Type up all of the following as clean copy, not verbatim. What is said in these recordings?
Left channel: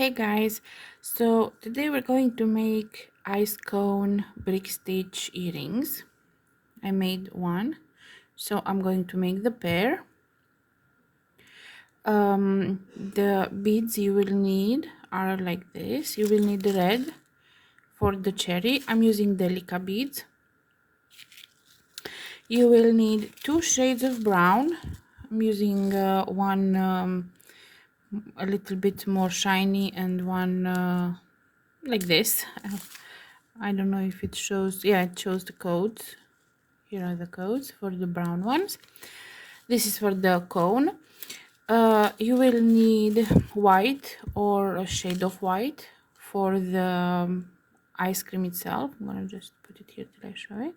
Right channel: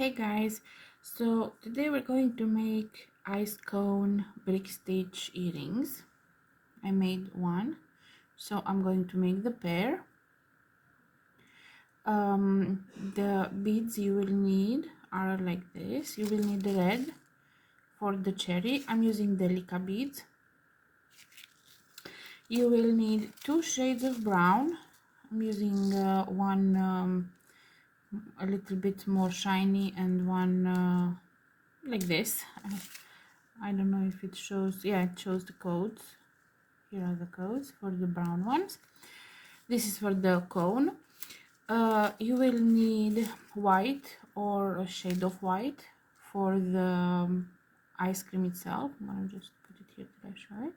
Hey guys, so today we're going to make ice cone brick stitch earrings. I made one, so I'm going to make the pair. The beads you will need are like this. You will need red for the cherry. I'm using Delica beads. You will need two shades of brown. I'm using one a little bit more shiny and one like this. I don't know if it shows. Yeah, it shows the codes. Here are the codes for the brown ones. This is for the cone. You will need white or a shade of white for the ice cream itself. I'm gonna just put it here till I show it.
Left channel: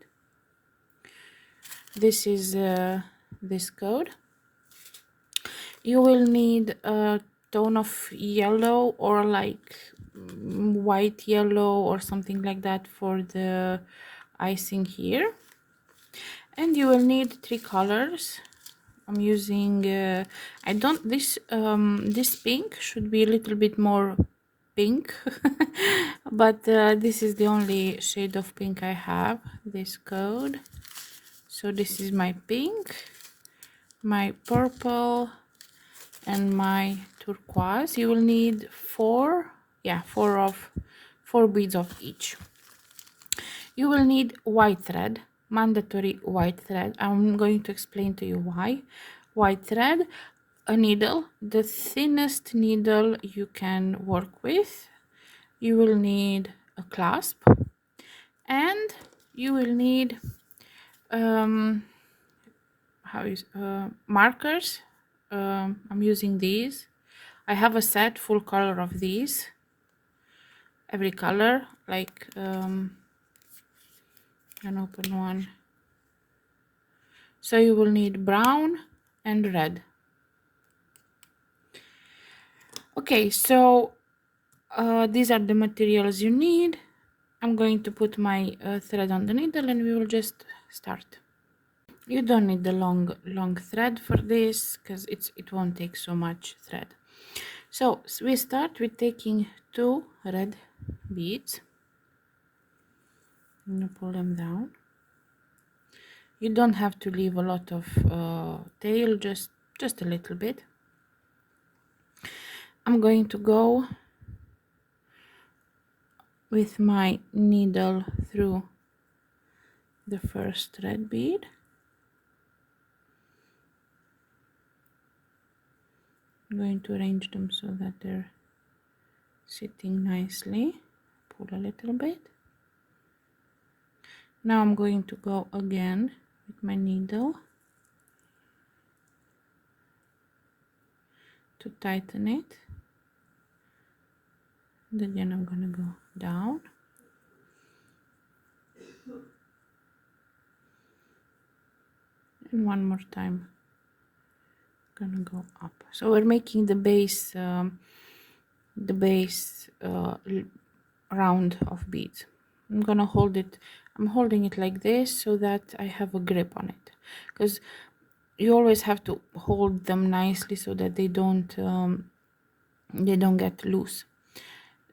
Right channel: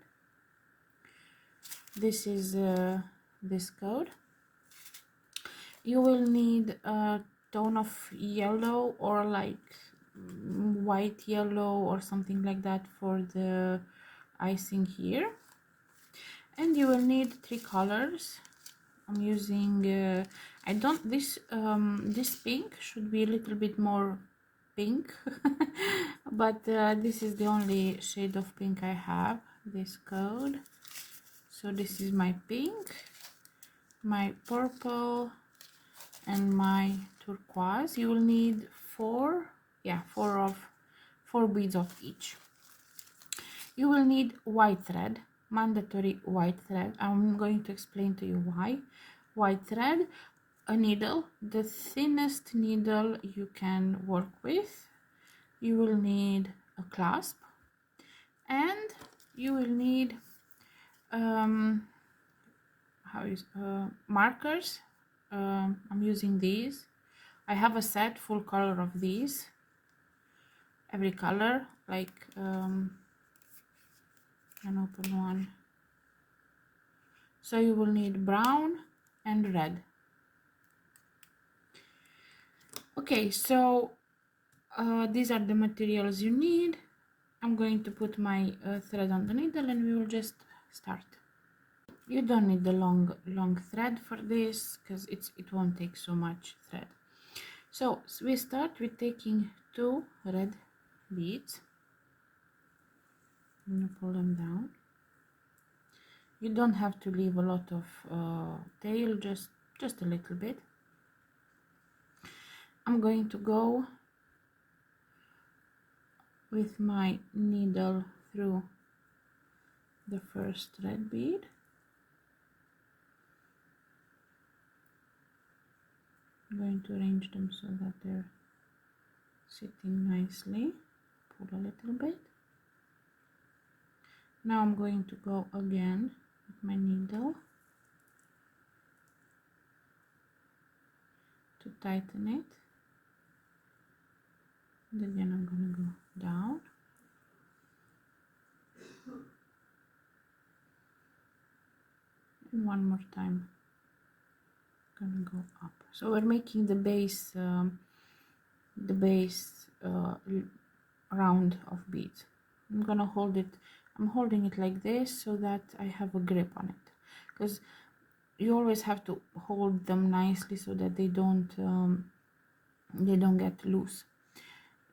This is this code. You will need a tone of yellow or like white yellow or something like that for the icing here. And you will need three colors. I'm using I don't this pink should be a little bit more pink but this is the only shade of pink I have, this code. So this is my pink, my purple, and my turquoise. You will need four beads of each. You will need white thread, mandatory white thread. I'm going to explain to you why. White thread, a needle, the thinnest needle you can work with. You will need a clasp, and you will need markers. I'm using these. I have a set full color of these, every color, like an open one. So you will need brown and red. Okay, so these are the materials you need. I'm going to put my thread on the needle and we will just start. You don't need the long thread for this because it won't take so much thread. So we start with taking two red beads. I'm gonna pull them down. You don't have to leave a lot of tail, just a little bit. I'm going to go with my needle through the first red bead. I'm going to arrange them so that they're sitting nicely. Pull a little bit. Now I'm going to go again with my needle to tighten it. And again I'm going to go down. And one more time gonna go up. So we're making the base round of beads. I'm gonna hold it. I'm holding it like this so that I have a grip on it, because you always have to hold them nicely so that they don't get loose.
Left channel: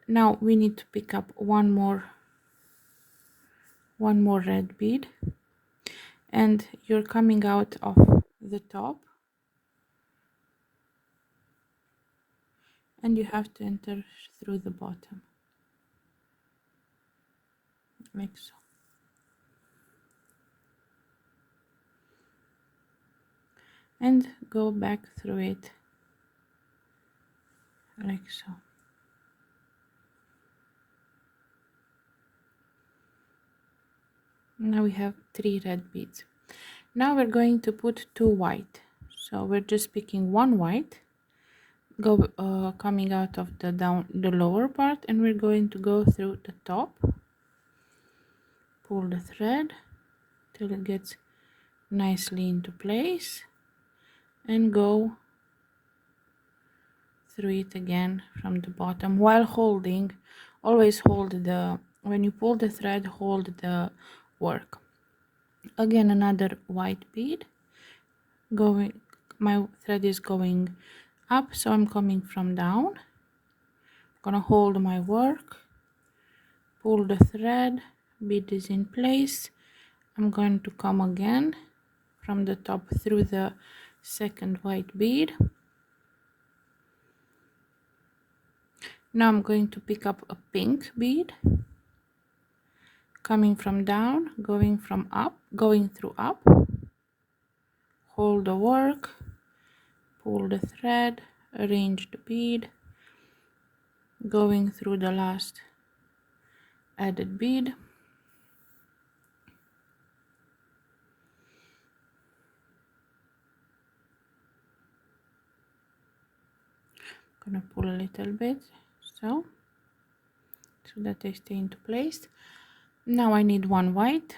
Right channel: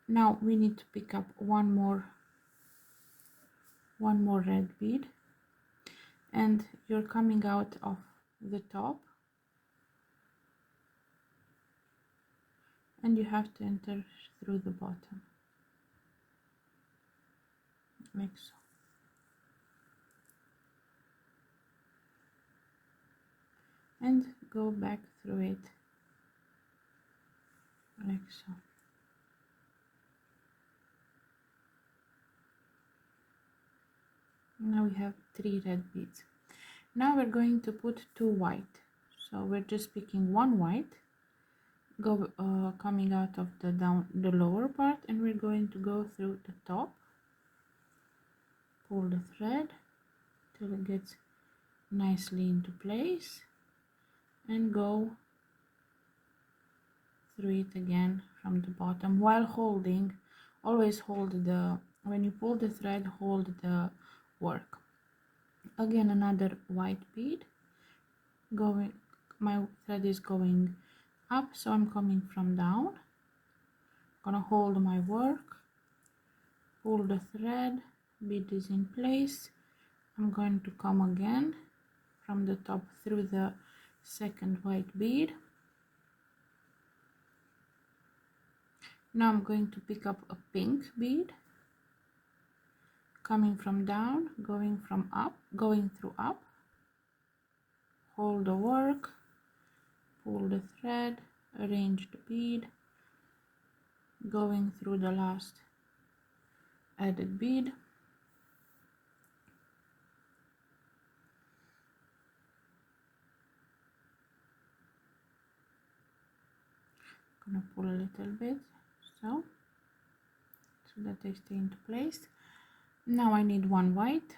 Now we need to pick up one more red bead, and you're coming out of the top and you have to enter through the bottom, like so. And go back through it like so. Now we have three red beads. Now we're going to put two white. So we're just picking one white, go coming out of the lower part, and we're going to go through the top. Pull the thread till it gets nicely into place, and go through it again from the bottom while holding. Always hold when you pull the thread, hold the work. Again, another white bead. My thread is going up, so I'm coming from down Gonna hold my work, pull the thread, bead is in place. I'm going to come again from the top through the second white bead. Now I'm going to pick up a pink bead, coming from down, going from up, going through up, hold the work, pull the thread, arrange the bead, going through the last added bead, gonna pull a little bit so that they stay into place. Now I need one white,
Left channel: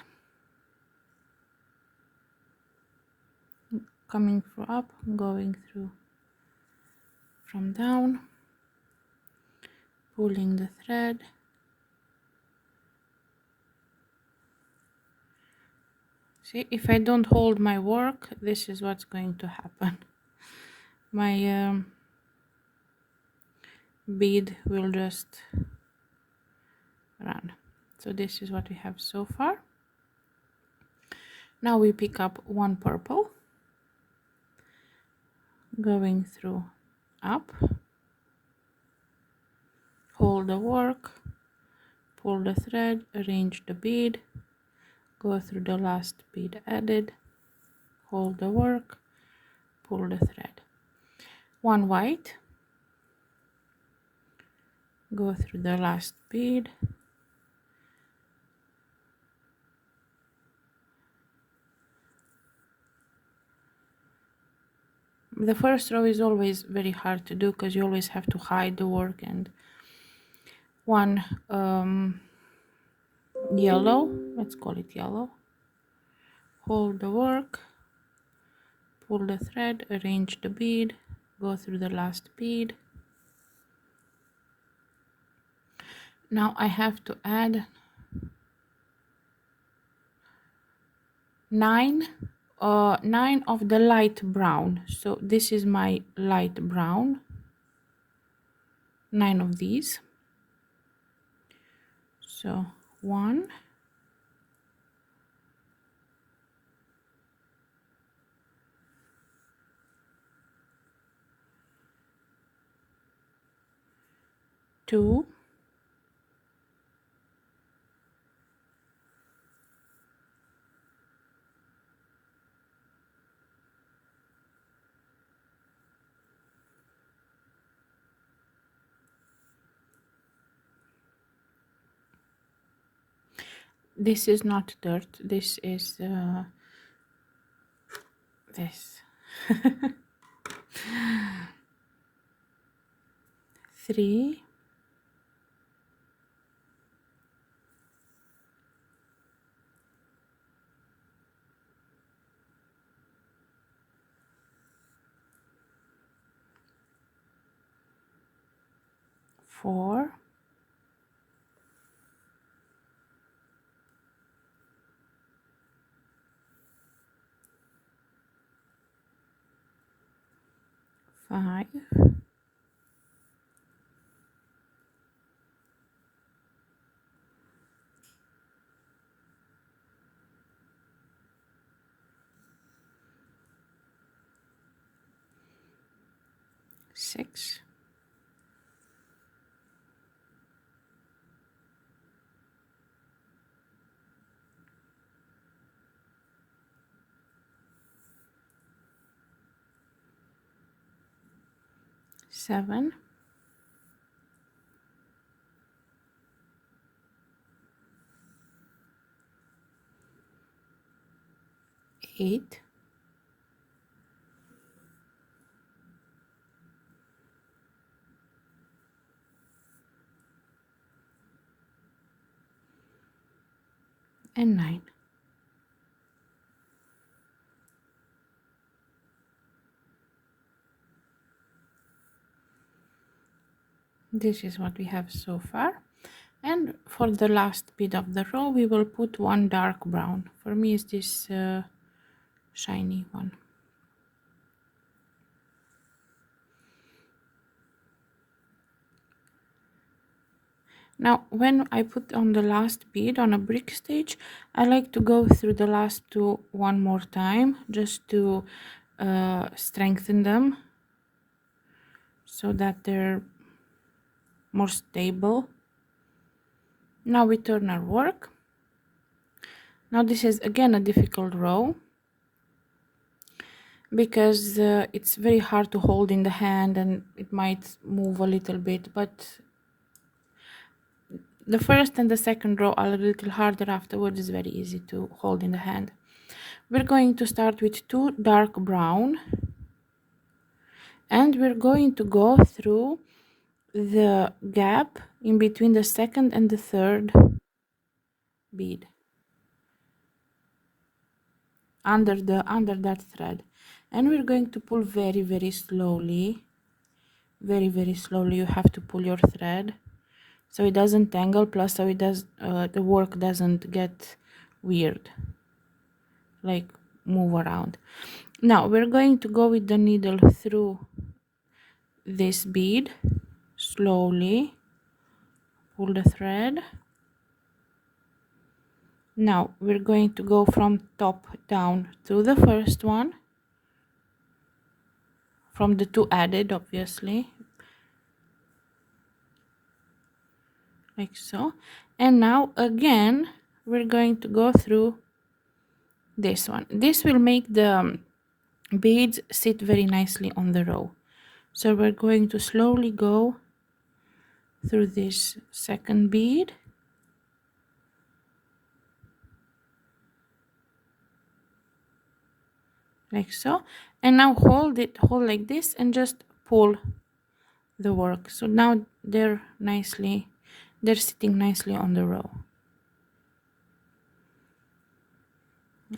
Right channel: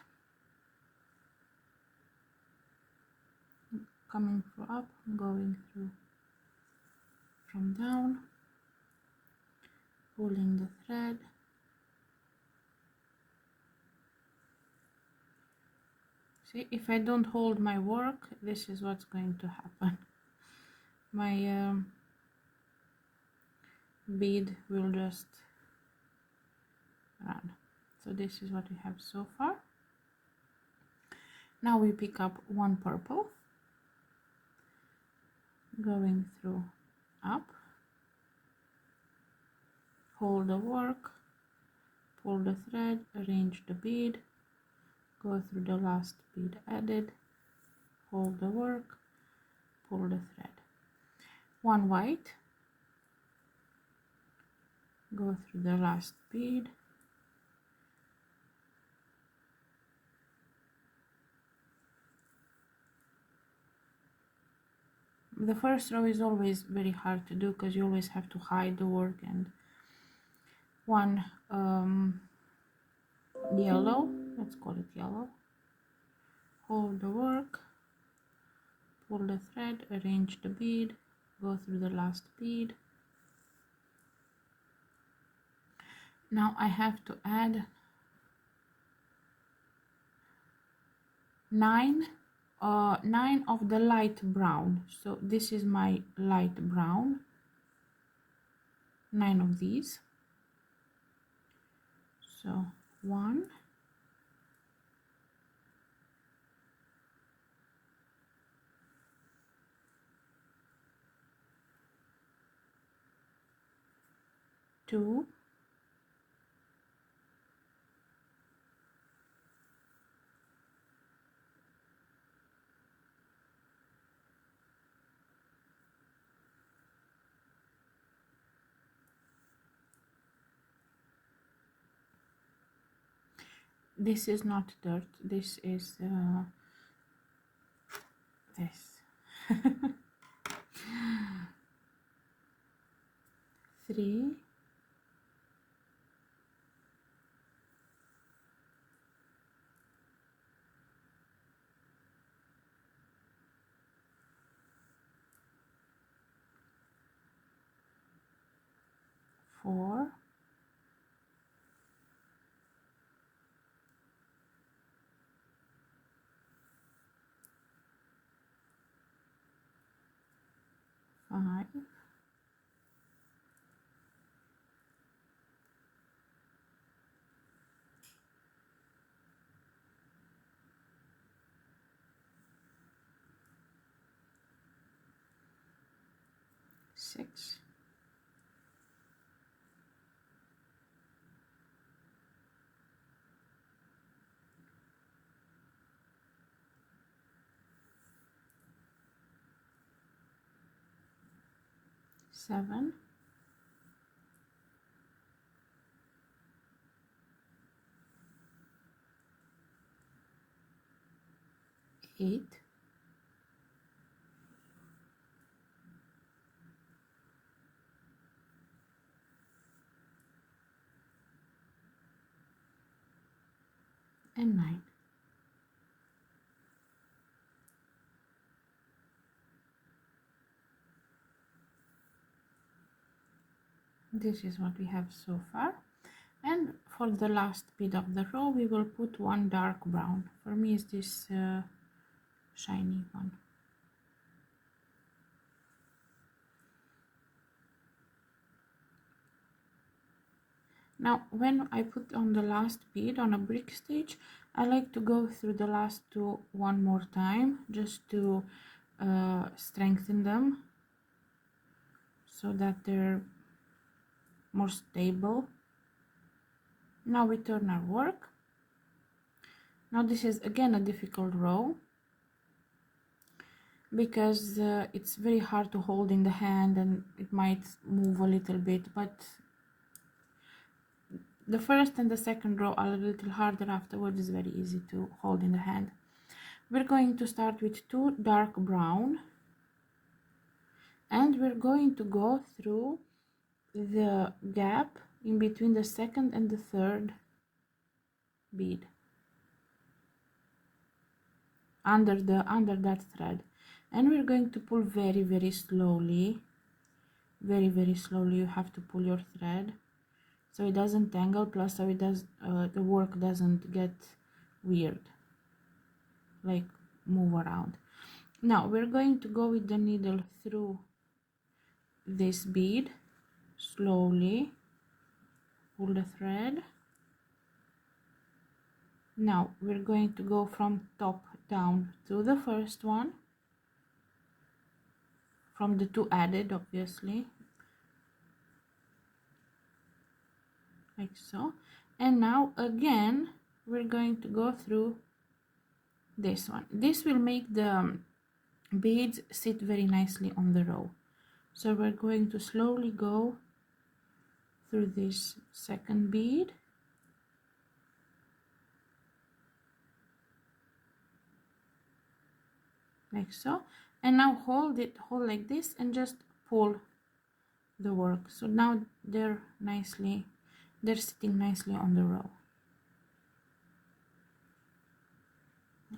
coming through up, going through from down, pulling the thread, see, if I don't hold my work, this is what's going to happen. My bead will just run. So this is what we have so far. Now we pick up one purple, going through up, hold the work, pull the thread, arrange the bead, go through the last bead added, hold the work, pull the thread. One white, go through the last bead, the first row is always very hard to do because you always have to hide the work, and one yellow, let's call it yellow, hold the work, pull the thread, arrange the bead, go through the last bead. Now I have to add 9 of the light brown. So this is my light brown, 9 of these. So 1, 2, 'This is not dirt, this is this. 3, 4, 5, 6, 7, 8, 9. This is what we have so far. And for the last bit of the row, we will put one dark brown. For me, it's this shiny one. Now when I put on the last bead on a brick stitch, I like to go through the last two one more time just to strengthen them so that they're more stable. Now we turn our work. Now this is again a difficult row because it's very hard to hold in the hand and it might move a little bit, but the first and the second row are a little harder. Afterwards it's very easy to hold in the hand. We're going to start with two dark brown and we're going to go through the gap in between the second and the third bead under that thread, and we're going to pull very slowly, very slowly. You have to pull your thread so it doesn't tangle, plus so it does the work doesn't get weird, like move around. Now we're going to go with the needle through this bead, slowly pull the thread. Now we're going to go from top down to the first one, from the two added, obviously, like so. And now again we're going to go through this one. This will make the beads sit very nicely on the row. So we're going to slowly go through this second bead, like so, and now hold like this and just pull the work. So now they're sitting nicely on the row,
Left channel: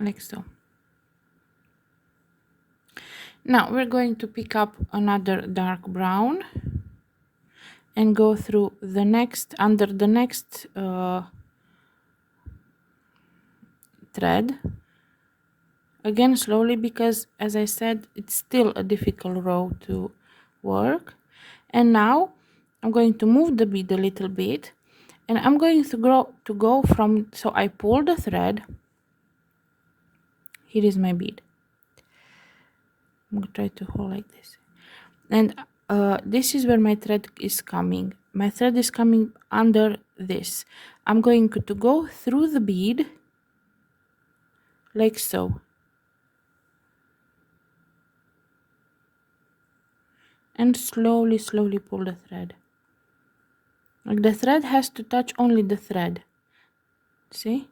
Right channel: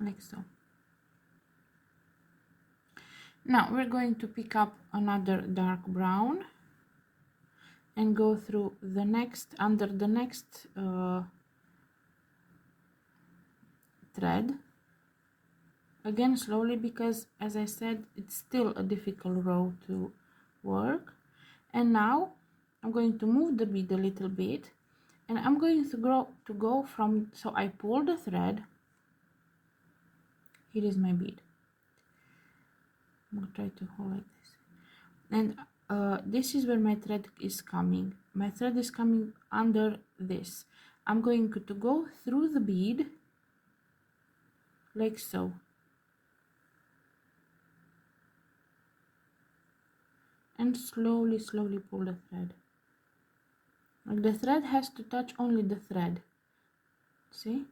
like so. Now we're going to pick up another dark brown and go through the next, under the next thread, again slowly, because as I said, it's still a difficult row to work. And now I'm going to move the bead a little bit, and I'm going to go from, so I pull the thread. Here is my bead. I'm going to try to hold like this, and this is where my thread is coming. My thread is coming under this. I'm going to go through the bead like so, and slowly pull the thread. Like the thread has to touch only the thread, see,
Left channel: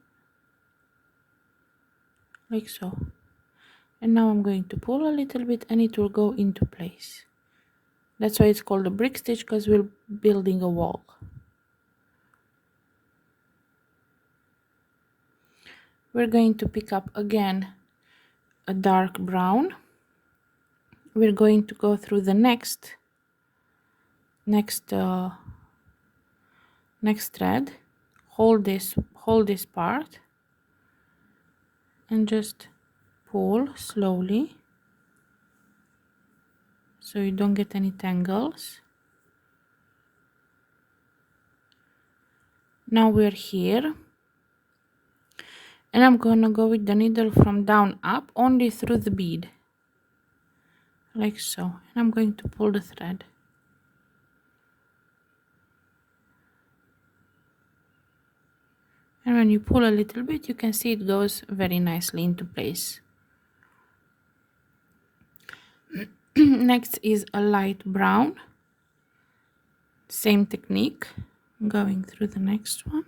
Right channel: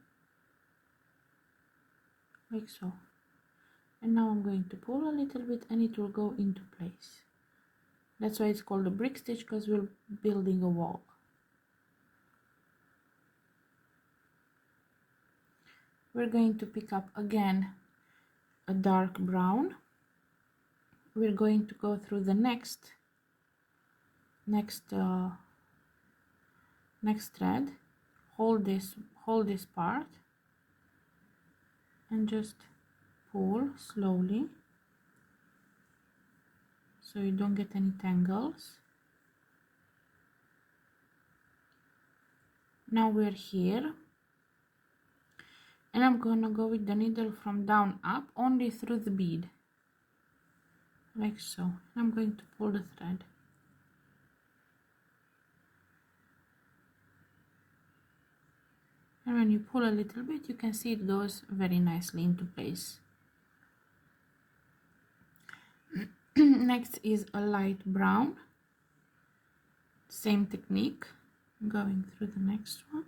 like so. And now I'm going to pull a little bit and it will go into place. That's why it's called a brick stitch, because we're building a wall. We're going to pick up again a dark brown. We're going to go through the next thread, hold this part and just pull slowly so you don't get any tangles. Now we're here, and I'm gonna go with the needle from down up only through the bead, like so, and I'm going to pull the thread. And when you pull a little bit, you can see it goes very nicely into place. Next is a light brown, same technique, going through the next one.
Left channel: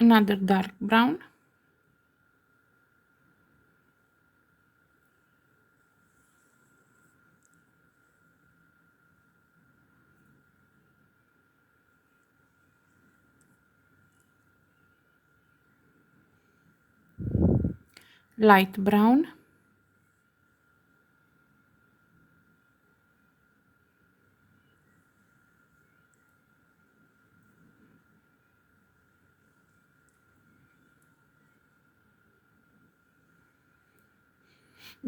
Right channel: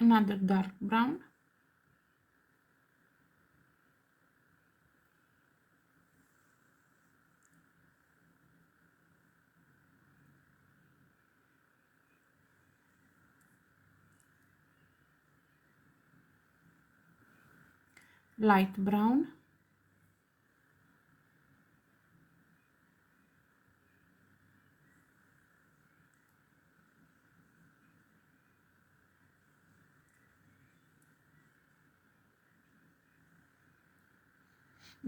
Another dark brown, light brown,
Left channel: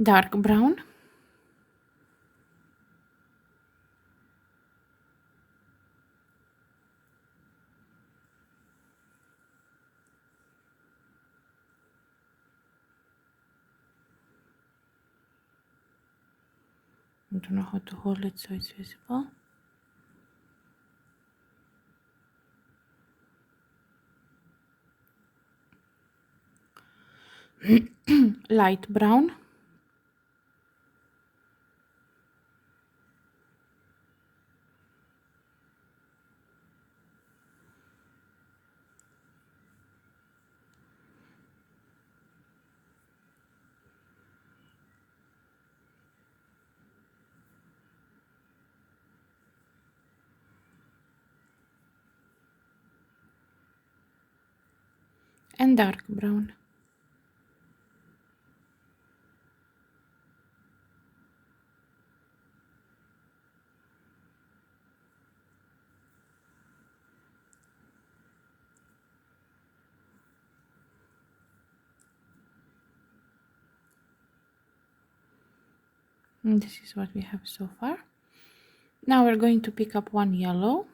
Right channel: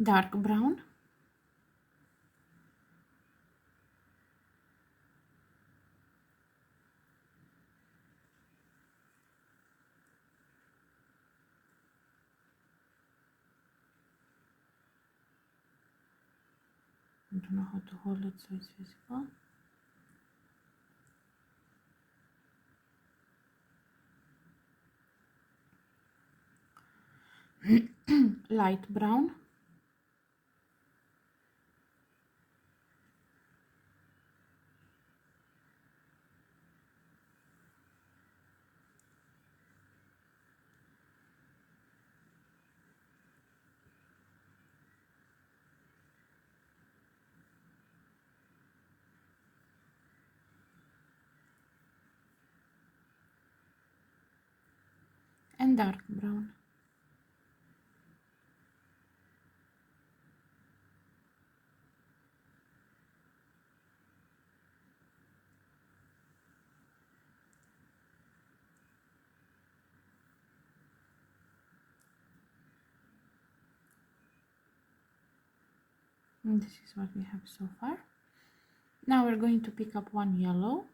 dark brown, I don't know how to hold it so it's visible, light brown, and dark brown. And this is what we have so far. Now we're going to pick up one yellow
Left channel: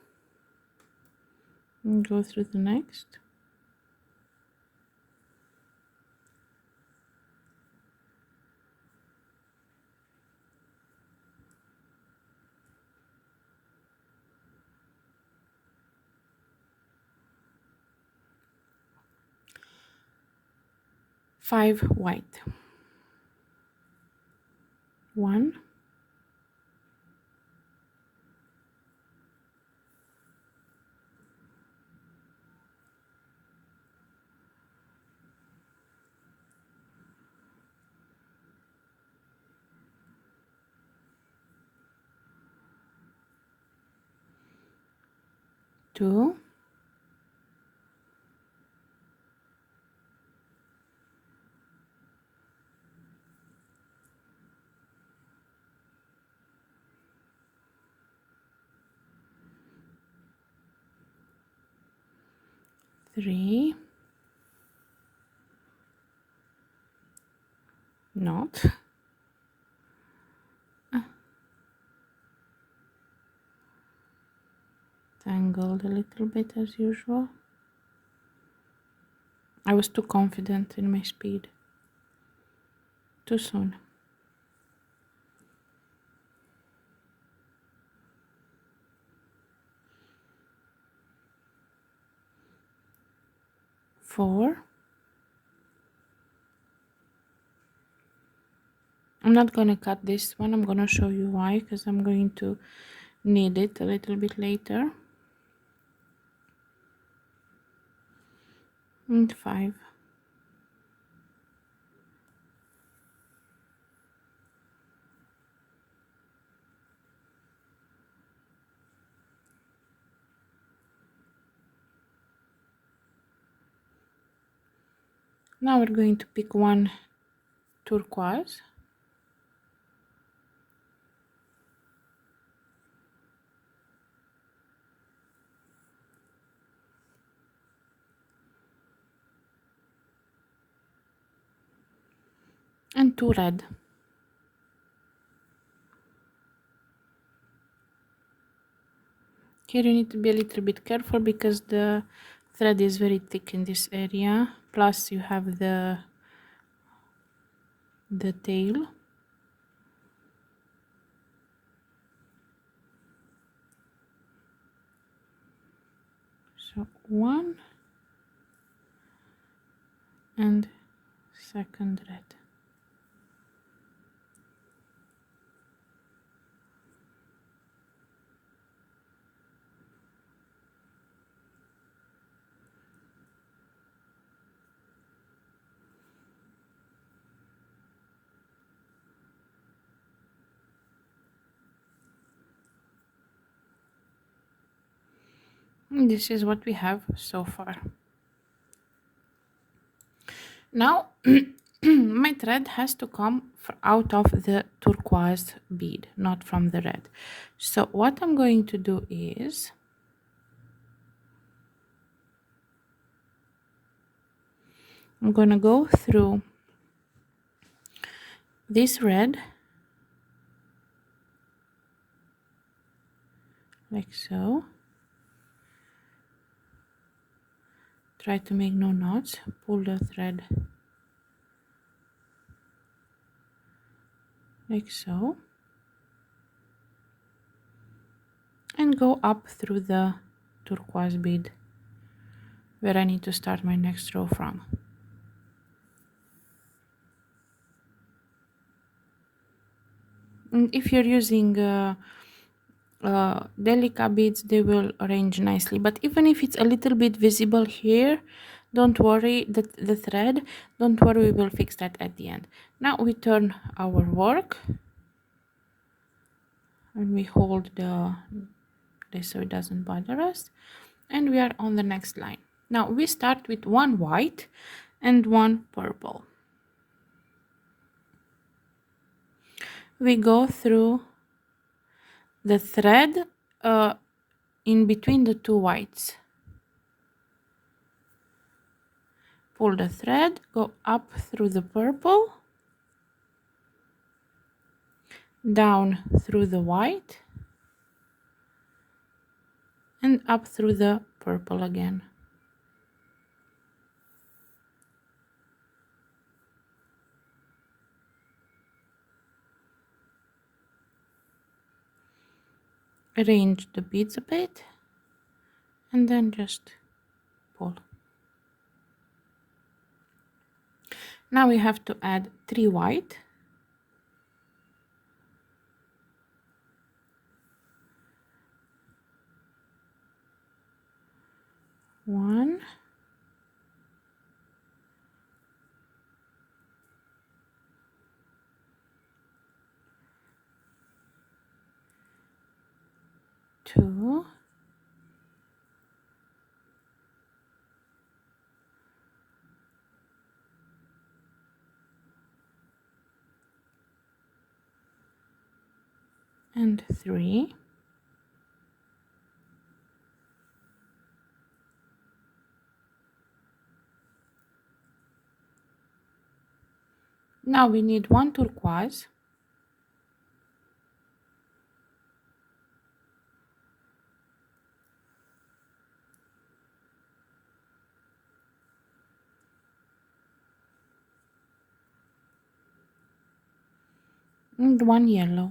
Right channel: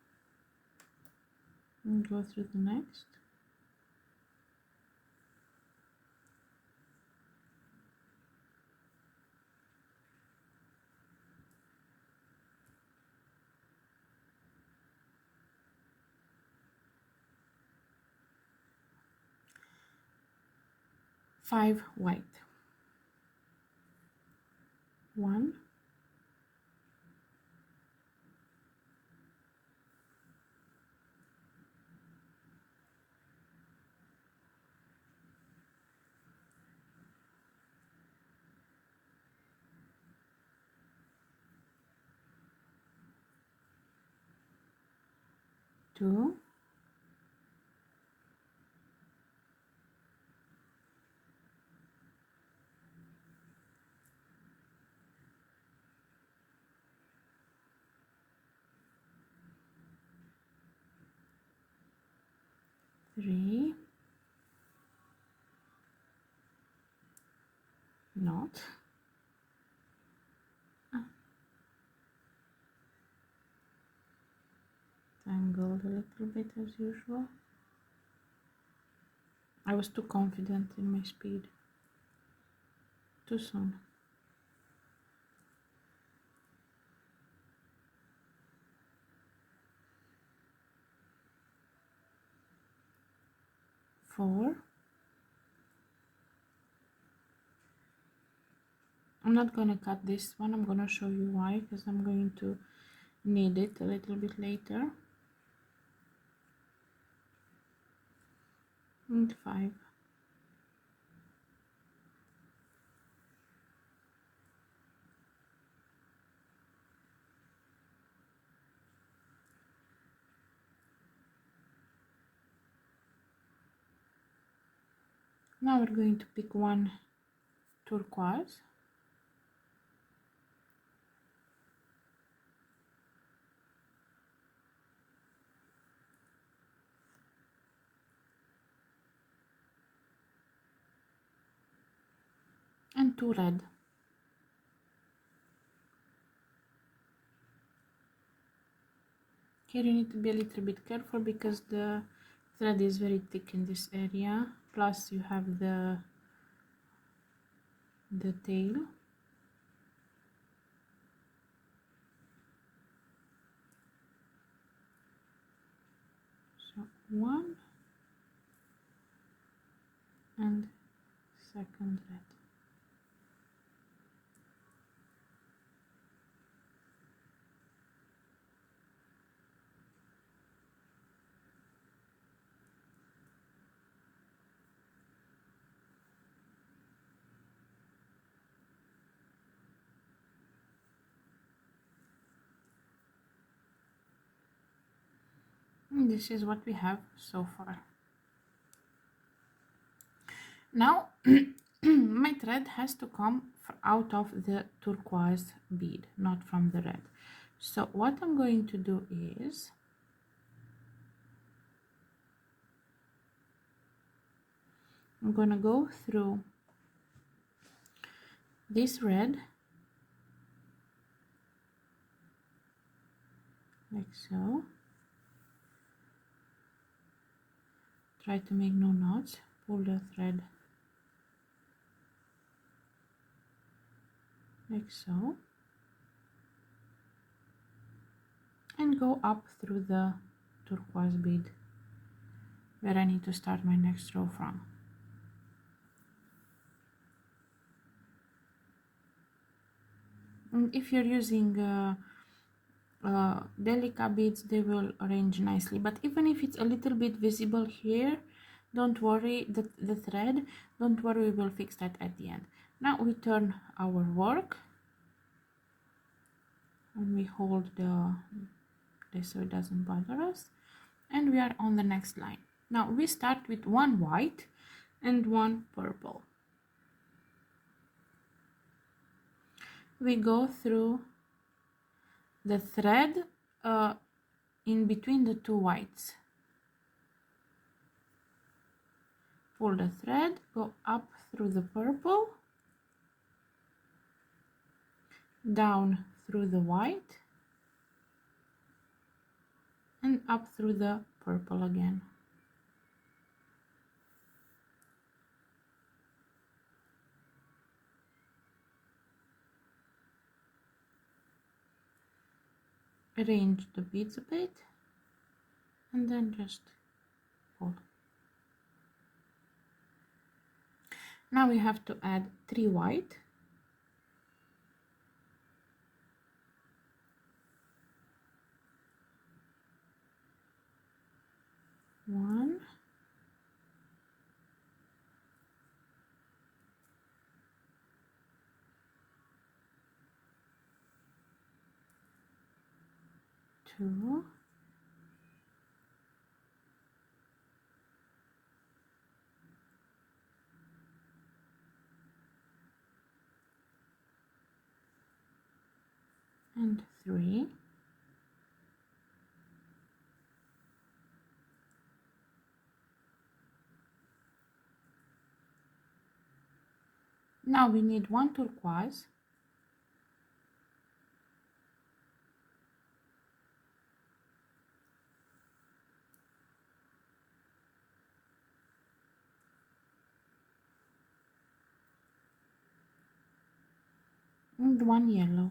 and go through the next. Five white. 1, 2, 3, not, tangled a little bit as usual. I was too confident in my speed. Too soon. 4. I'm not gonna cut this one. I'm gonna show you why, because I'm going to need it a little bit later. And 5. Now we're going to pick one turquoise. And 2 red. Here you need to be a little bit careful because the thread is very thick in this area. Plus you have the tail. So 1 and second red. And this is what we have so far. Now my thread has to come out of the turquoise bead, not from the red. So what I'm going to do is I'm going to go through this red, like so. Try to make no knots. Pull the thread like so, and go up through the turquoise bead where I need to start my next row from. And if you're using delica beads, they will arrange nicely, but even if it's a little bit visible here, don't worry, the thread, don't worry, we will fix that at the end. Now we turn our work and we hold this so it doesn't bother us, and we are on the next line. Now we start with one white and one purple. We go through the thread in between the two whites. Pull the thread, go up through the purple, down through the white, and up through the purple again. Arrange the beads a bit, and then just pull. Now we have to add 3 white, 1, 2, 3. Now we need 1 turquoise, and 1 yellow.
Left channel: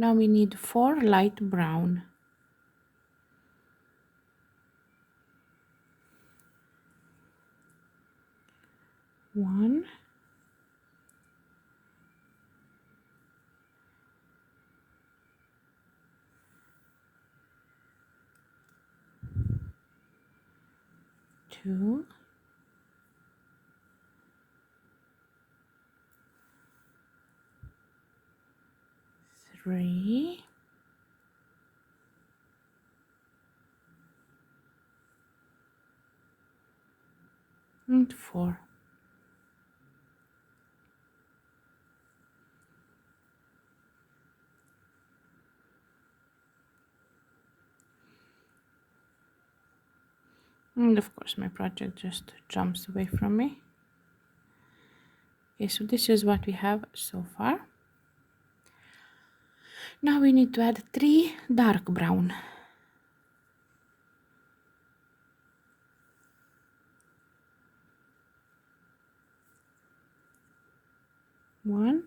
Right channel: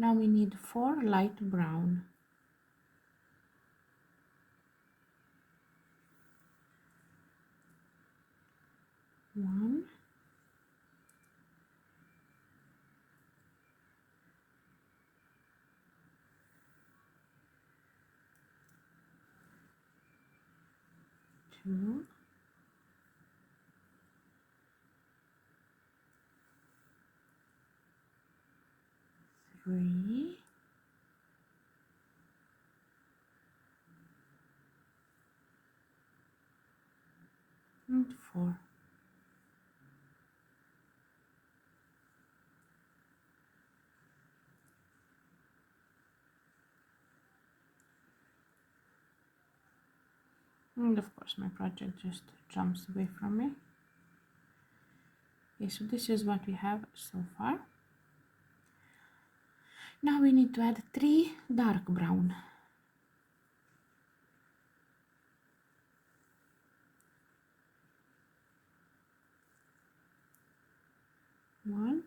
Now we need 4 light brown. 1, 2, 3, and 4. And of course my project just jumps away from me. Okay, so this is what we have so far. Now we need to add 3 dark brown. 1,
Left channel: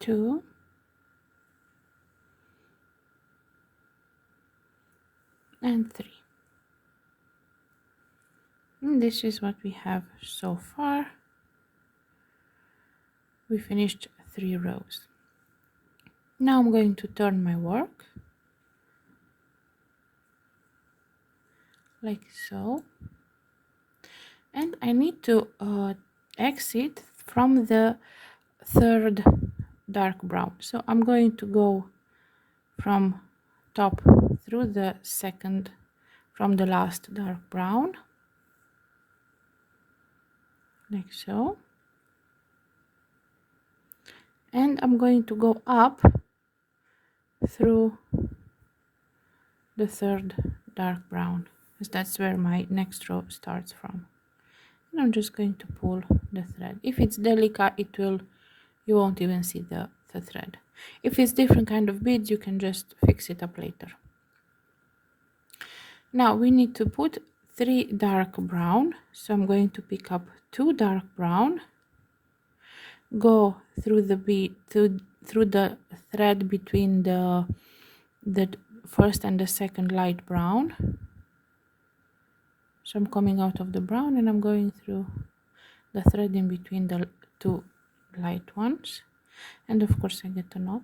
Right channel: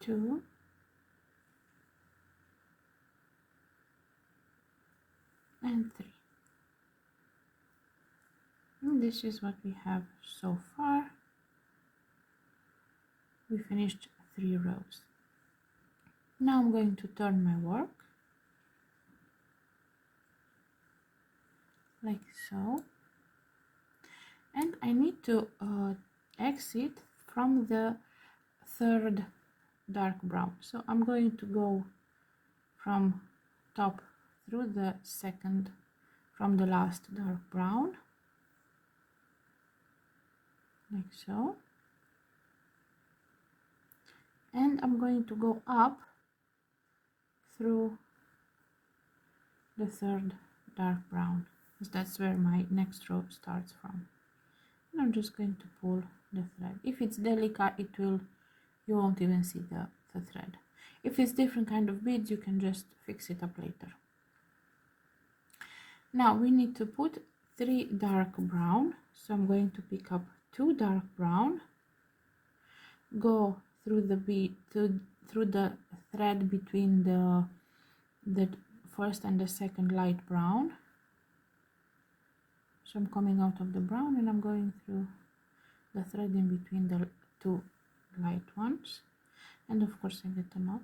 2, and 3. And this is what we have so far. We finished 3 rows. Now I'm going to turn my work like so, and I need to exit from the third dark brown. So I'm going to go from top through the second, from the last dark brown, like so. And I'm going to go up through the third dark brown, because that's where my next row starts from. And I'm just going to pull the thread. If it's delicate, you won't even see the thread. If it's different kind of beads, you can just fix it up later. Now we need to put 3 dark brown, so I'm going to pick up 2 dark brown, go through the bead through the thread between the first and the second light brown. So I'm coming out of the brown and I'm going through the thread in between the 2 light ones, and of course I get a knot.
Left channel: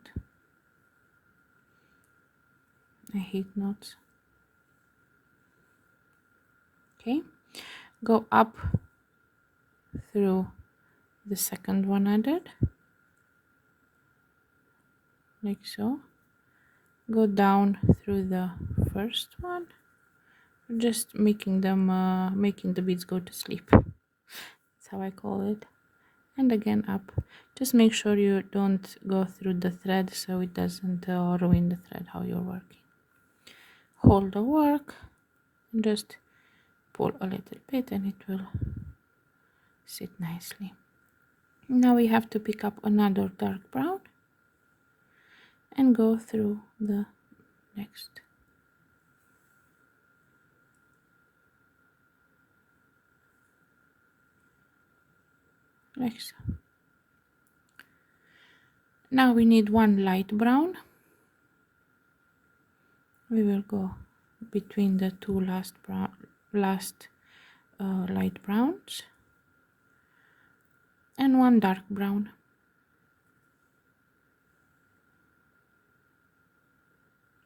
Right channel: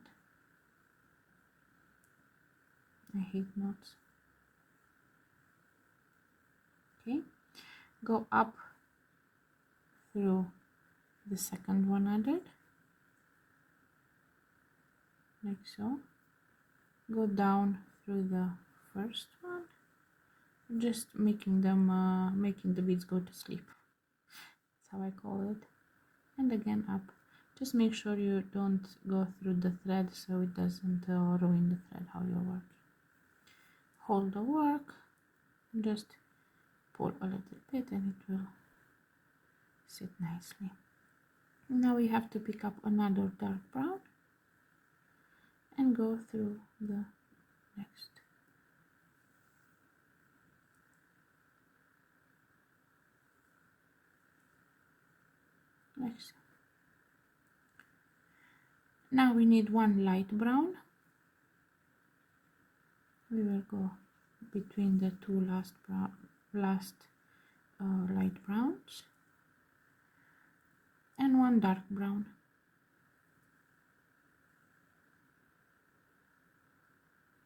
I hate knots. Okay, go up through the second one added, like so. Go down through the first one, just making them making the beads go to sleep. That's how I call it. And again up. Just make sure you don't go through the thread so it doesn't ruin the thread how you're working. Hold the work and just pull a little bit and it will sit nicely. Now we have to pick up another dark brown and go through the next. Like so. Now we need 1 light brown. We will go between the 2 last light browns, and 1 dark brown.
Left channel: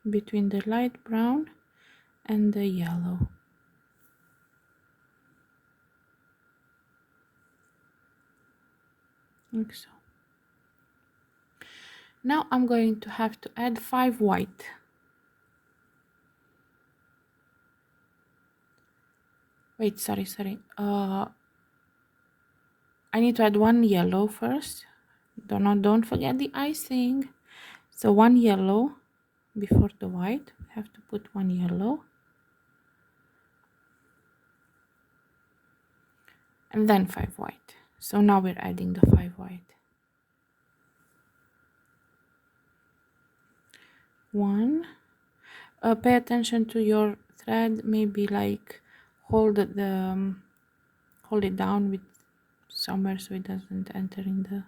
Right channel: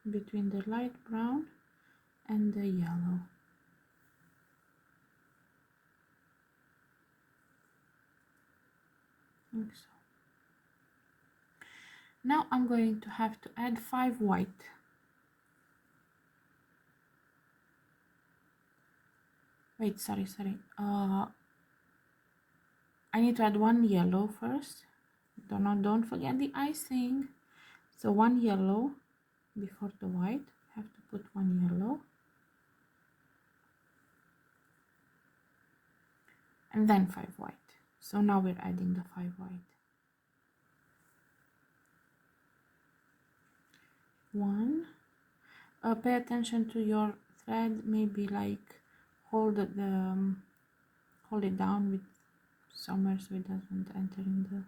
Between the light brown and the yellow. Like so. Now I'm going to have to add 5 white. Wait, sorry. I need to add 1 yellow first. Don't forget the icing. So 1 yellow before the white. We have to put 1 yellow. And then 5 white. So now we're adding the 5 white. 1. Pay attention to your thread. Maybe like hold it down with somewhere so it doesn't enter in the,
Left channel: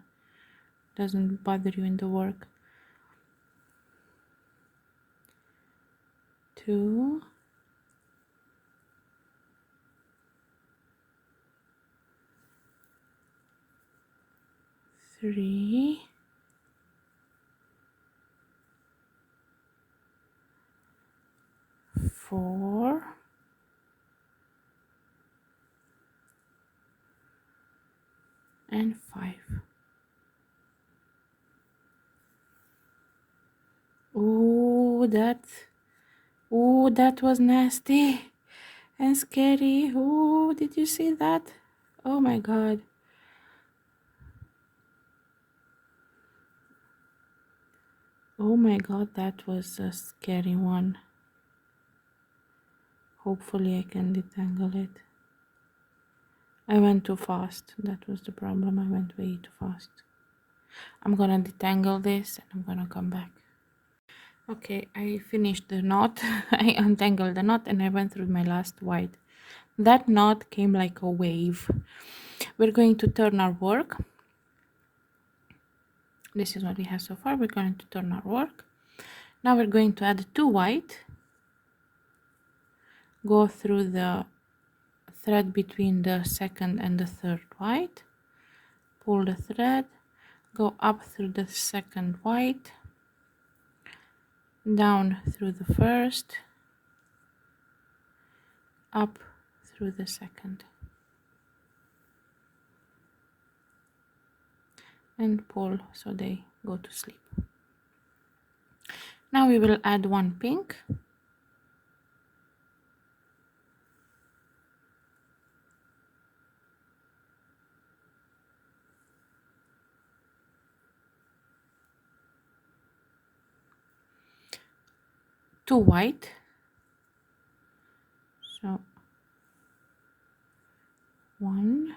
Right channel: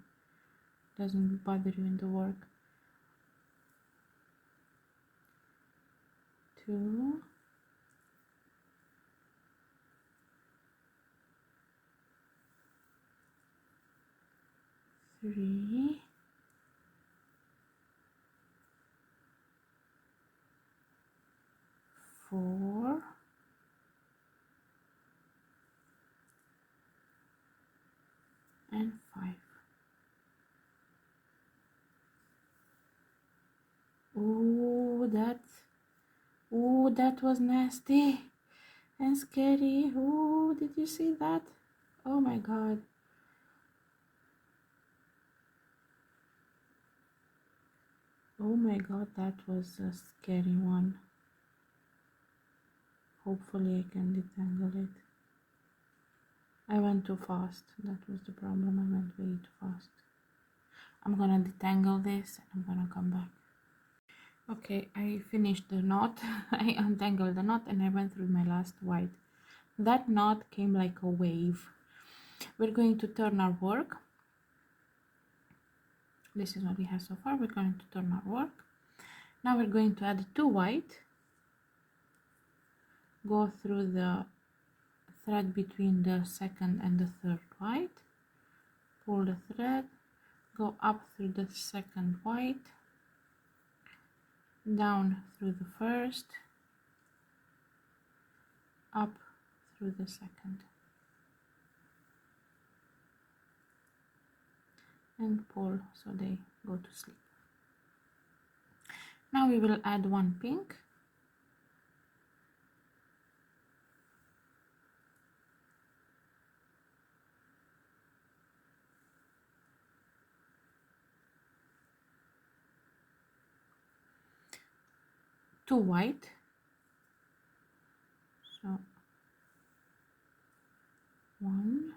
doesn't bother you in the work. 2. 3. 4. And 5. Oh, that was nasty and scary. Oh, did you see that? Oh my god. Oh my god, that was a scary one. Hopefully I can detangle it. I went too fast. That was the problem. I went way too fast. I'm gonna detangle this and I'm gonna come back. Okay, I finished the knot. I untangled the knot and I went through my last white. That knot came like a wave. We're going to turn our work. This is what we have so far. We're going to turn our work. Now we're going to add 2 white. Go through the thread between the second and the third white. Pull the thread. Go up through the second white. Down through the first. Up through the second. And pull so they go to sleep. Now we will add 1 pink. 2 white, so 1,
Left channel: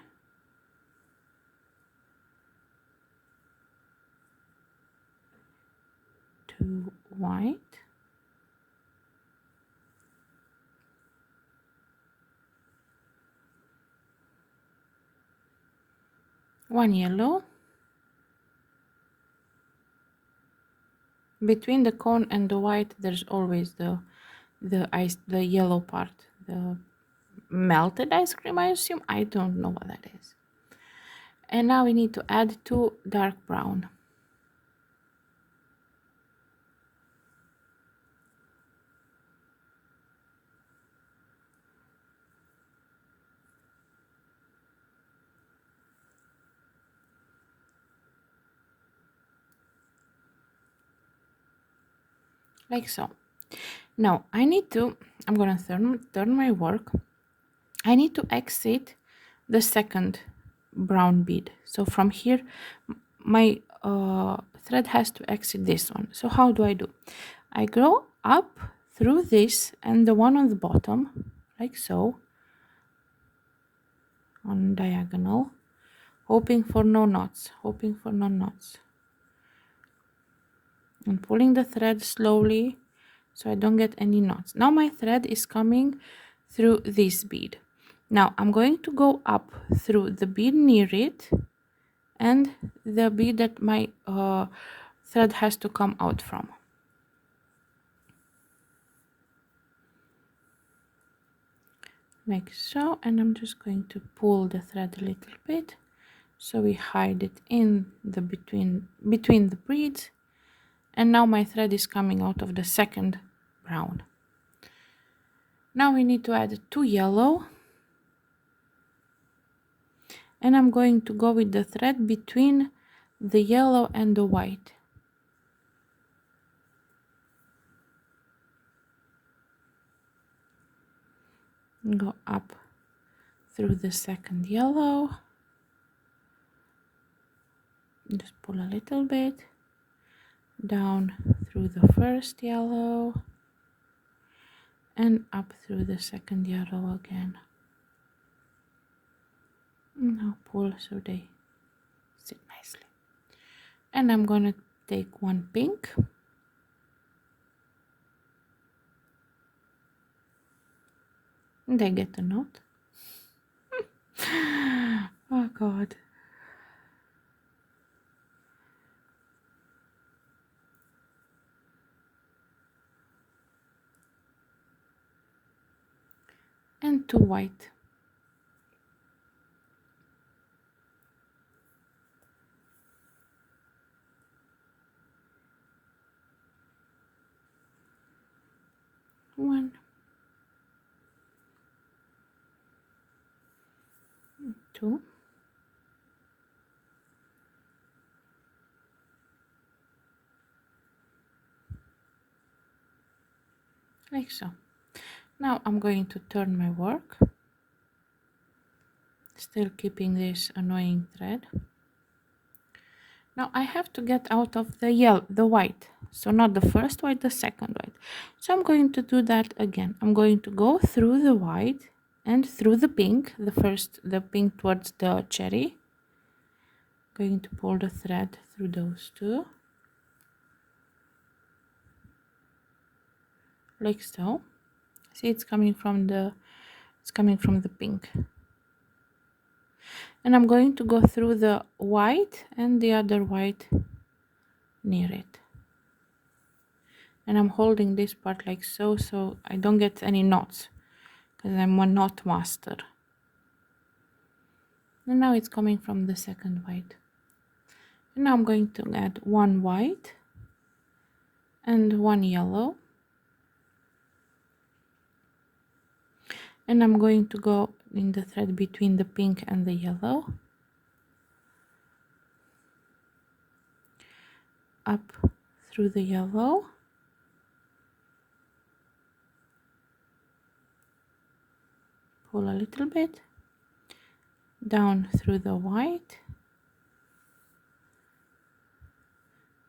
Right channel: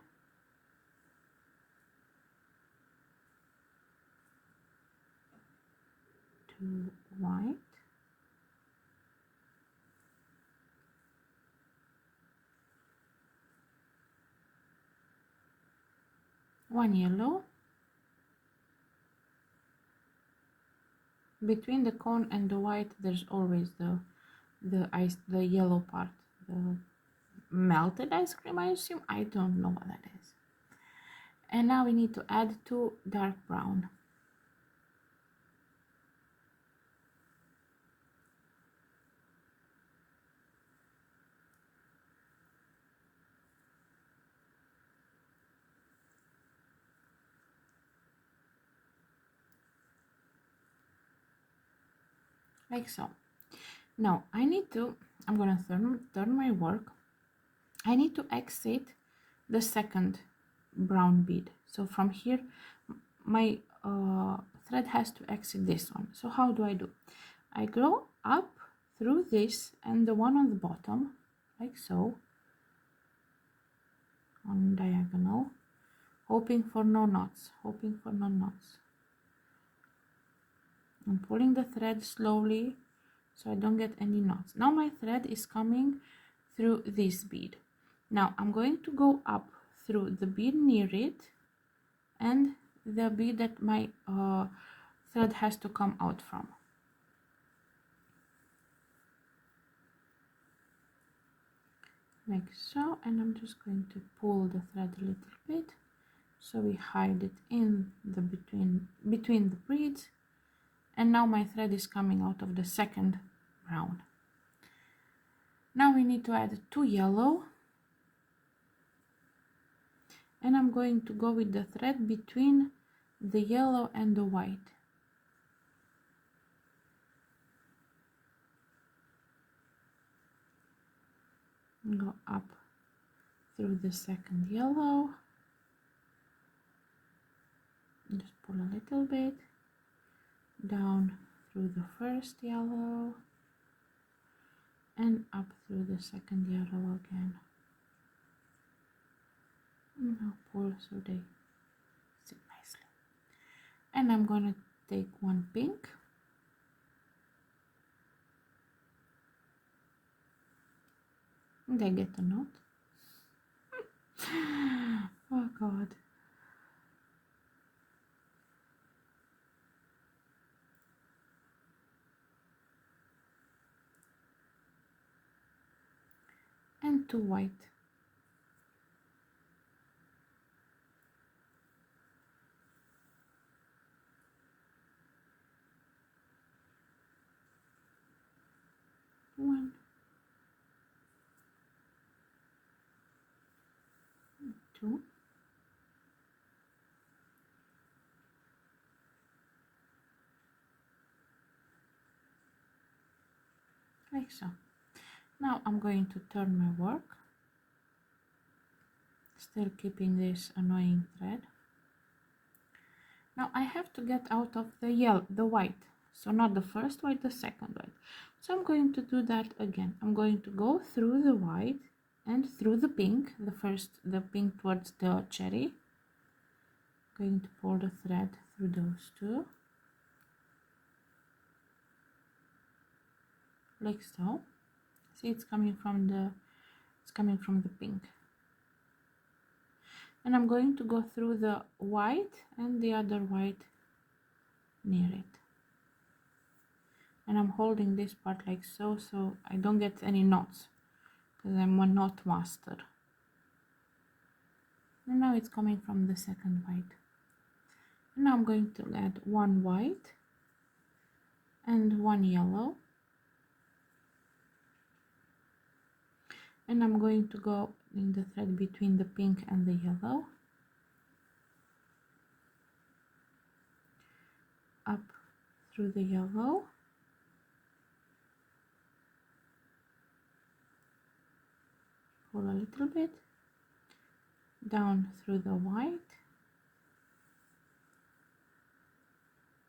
2 white, 1 yellow. Between the cone and the white there's always the yellow part, the melted ice cream, I assume. I don't know what that is. And now we need to add 2 dark brown. Like so. Now I'm gonna turn my work. I need to exit the second brown bead. So from here my thread has to exit this one. So how do? I go up through this and the one on the bottom, like so, on diagonal, hoping for no knots, and pulling the thread slowly so I don't get any knots. Now my thread is coming through this bead. Now I'm going to go up through the bead near it and the bead that my thread has to come out from. Like so, and I'm just going to pull the thread a little bit so we hide it in the between the beads. And now my thread is coming out of the second brown. Now we need to add 2 yellow, and I'm going to go with the thread between the yellow and the white. Go up through the second yellow, just pull a little bit, down through the first yellow, and up through the second yellow again. Now pull so they sit nicely. And I'm gonna take 1 pink, and I get a knot. Oh God. And 2 white. One, 2, like so. Now I'm going to turn my work, still keeping this annoying thread. Now I have to get out of the white, so not the first white, the second white. So I'm going to do that again. I'm going to go through the white and through the pink, the pink towards the cherry. Going to pull the thread through those two, like so. See, it's coming from the pink. And I'm going to go through the white and the other white near it. And I'm holding this part like so, so I don't get any knots, because I'm a knot master. And now it's coming from the second white. And now I'm going to add 1 white and 1 yellow. And I'm going to go in the thread between the pink and the yellow, up through the yellow, pull a little bit, down through the white,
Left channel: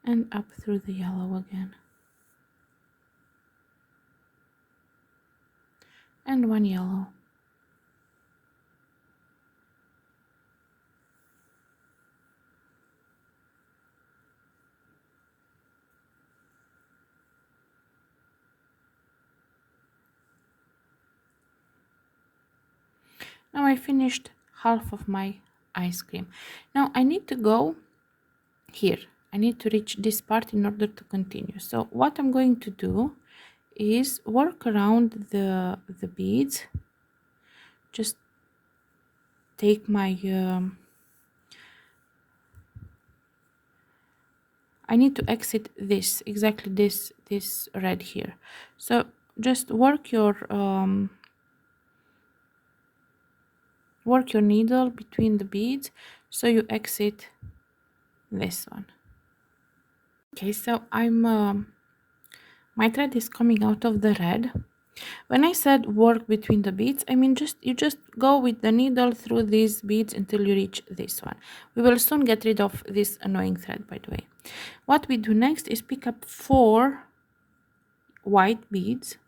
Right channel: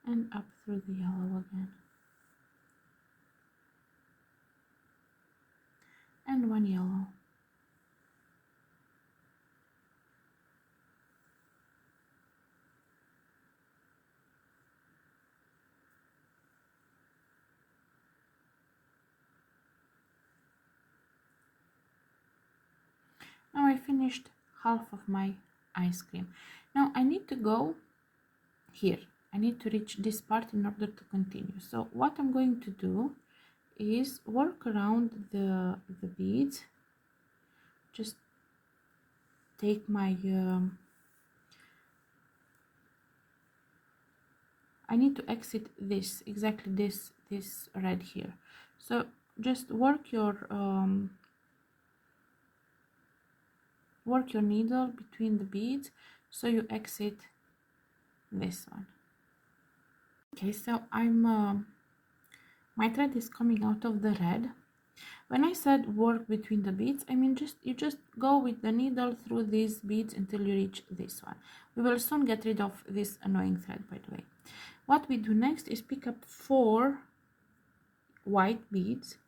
and up through the yellow again. and one yellow. Now I finished half of my ice cream. Now I need to go here. I need to reach this part in order to continue. So what I'm going to do is work around the beads. Just take my I need to exit this, exactly this red here. So just work your needle between the beads so you exit this one. Okay, so my thread is coming out of the red. When I said work between the beads, I mean you just go with the needle through these beads until you reach this one. We will soon get rid of this annoying thread, by the way. What we do next is pick up 4 white beads,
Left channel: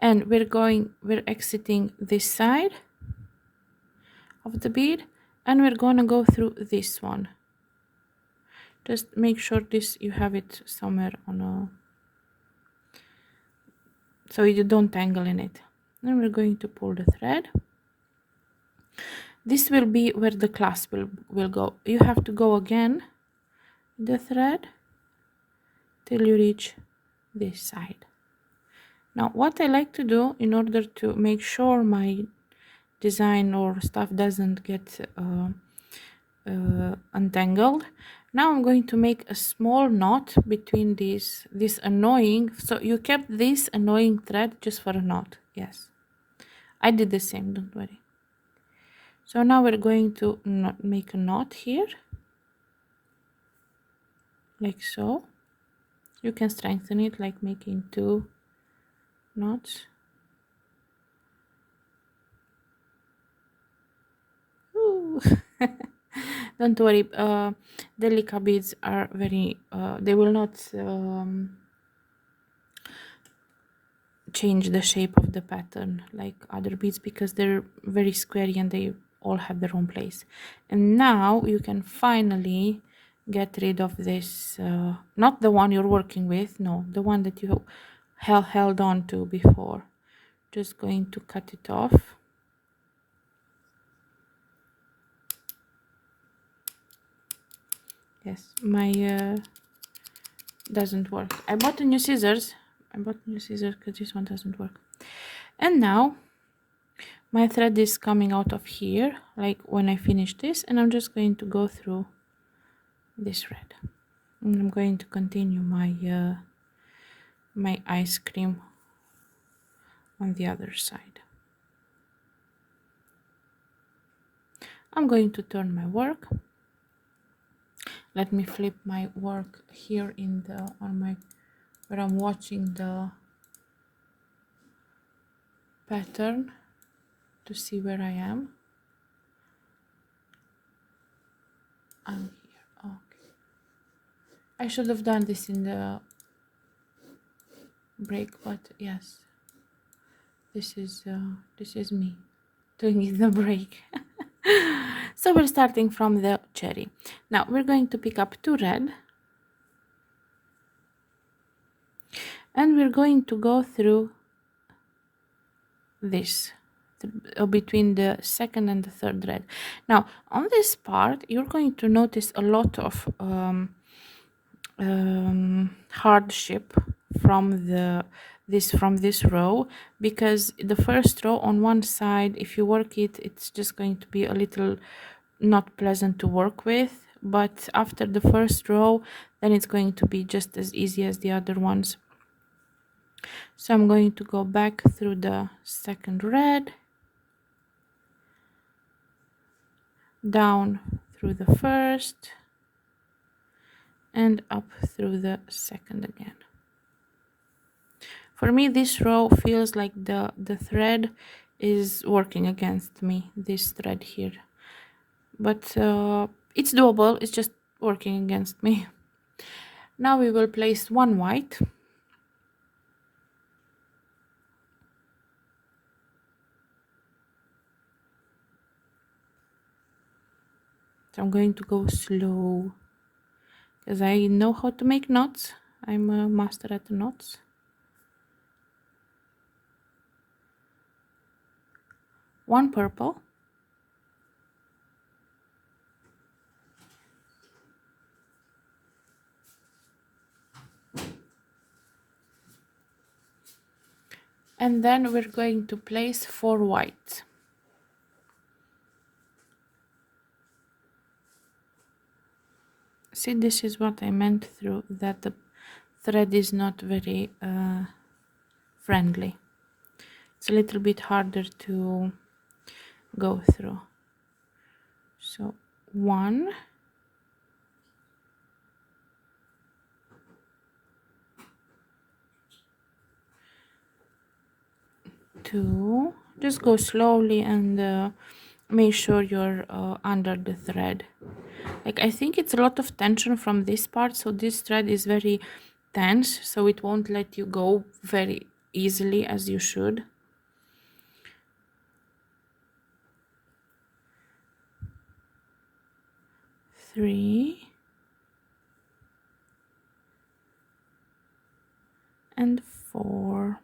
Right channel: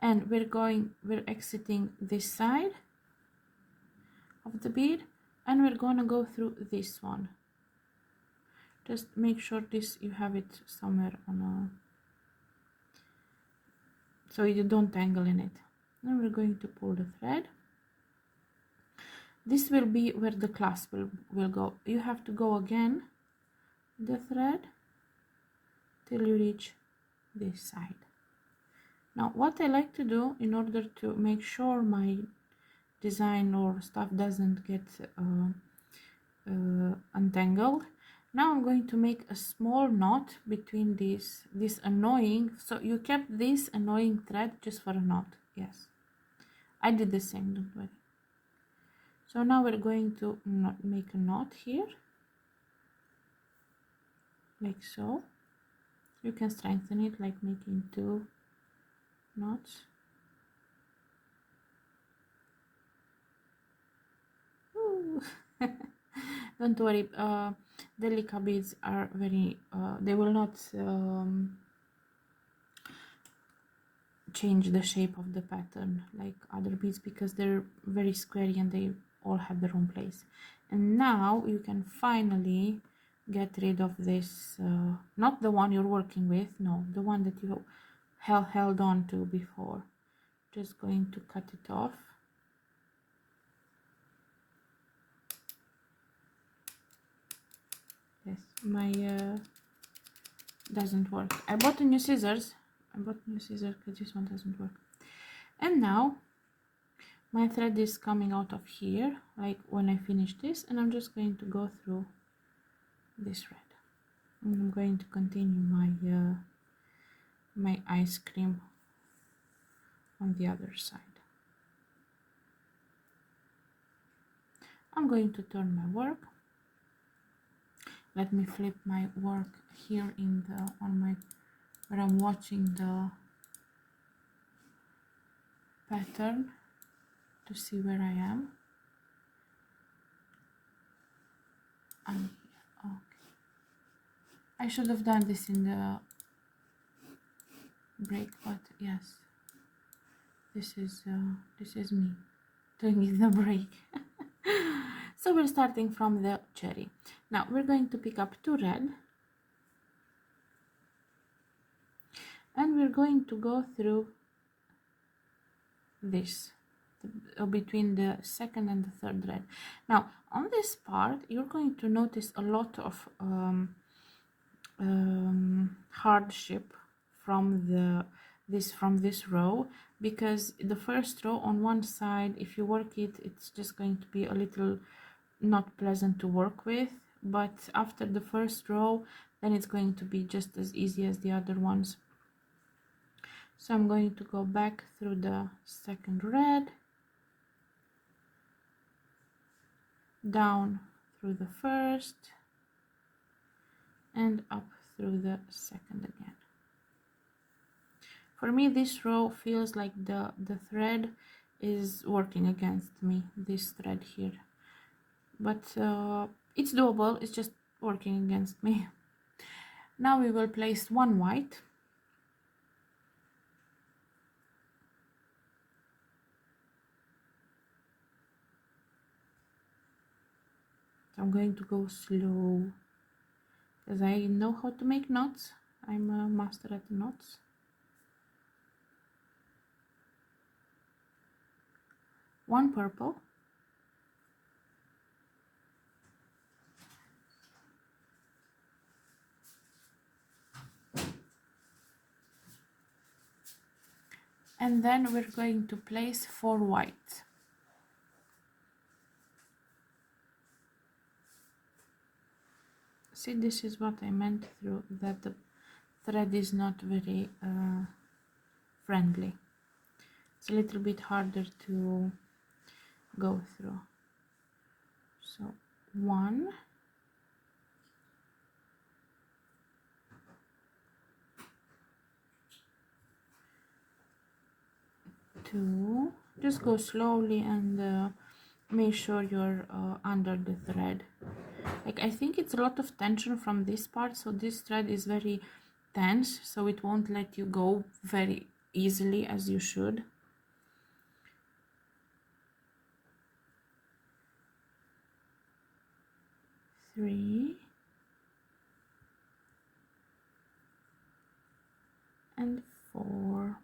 and we're exiting this side of the bead, and we're gonna go through this one. Just make sure you have it somewhere on a, so you don't tangle in it. Then we're going to pull the thread. This will be where the clasp will go. You have to go again the thread till you reach this side. Now what I like to do in order to make sure my design or stuff doesn't get untangled, now I'm going to make a small knot between this annoying, so you kept this annoying thread just for a knot. Yes, I did the same, don't worry. So now we're going to make a knot here, like so. You can strengthen it like making 2 knots. Ooh. Don't worry, delica beads are very they will not change the shape of the pattern like other beads because they're very squarey and they all have their own place. And now you can finally get rid of this, not the one you're working with, no, the one that you held on to before. Just going to cut it off. Yes, my doesn't work. I bought new scissors because this one doesn't work. And now my thread is coming out of here, like when I finish this, and I'm just going to go through this red. And I'm going to continue my my ice cream on the other side. I'm going to turn my work. Let me flip my work here in the where I'm watching the pattern to see where I am. I'm here. Okay. I should have done this in the break, but yes, this is me doing it in the break. So we're starting from the cherry. Now we're going to pick up 2 red, and we're going to go through this between the second and the third red. Now on this part you're going to notice a lot of hardship from this row, because the first row on one side, if you work it, it's just going to be a little not pleasant to work with, but after the first row then it's going to be just as easy as the other ones. So I'm going to go back through the second red, down through the first, and up through the second again. For me this row feels like the thread is working against me, this thread here, but it's doable, it's just working against me. Now we will place 1 white So I'm going to go slow because I know how to make knots. I'm a master at the knots. One purple. And then we're going to place 4 white. See, this is what I meant through that the thread is not very friendly. It's a little bit harder to go through. So 1, 2, just go slowly and make sure you're under the thread. Like, I think it's a lot of tension from this part, so this thread is very tense, so it won't let you go very easily as you should. Three and 4.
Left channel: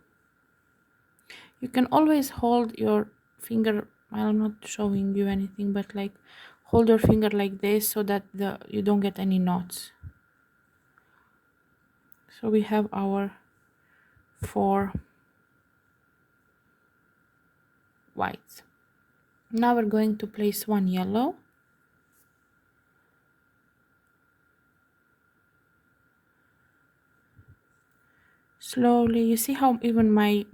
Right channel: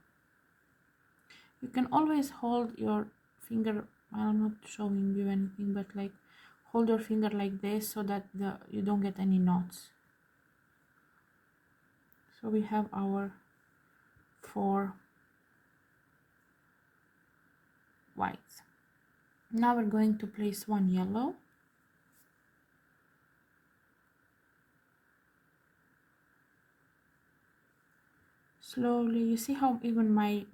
You can always hold your finger, I'm not showing you anything, but like hold your finger like this so that you don't get any knots. So we have our 4 whites. Now we're going to place 1 yellow. Slowly. You see how even my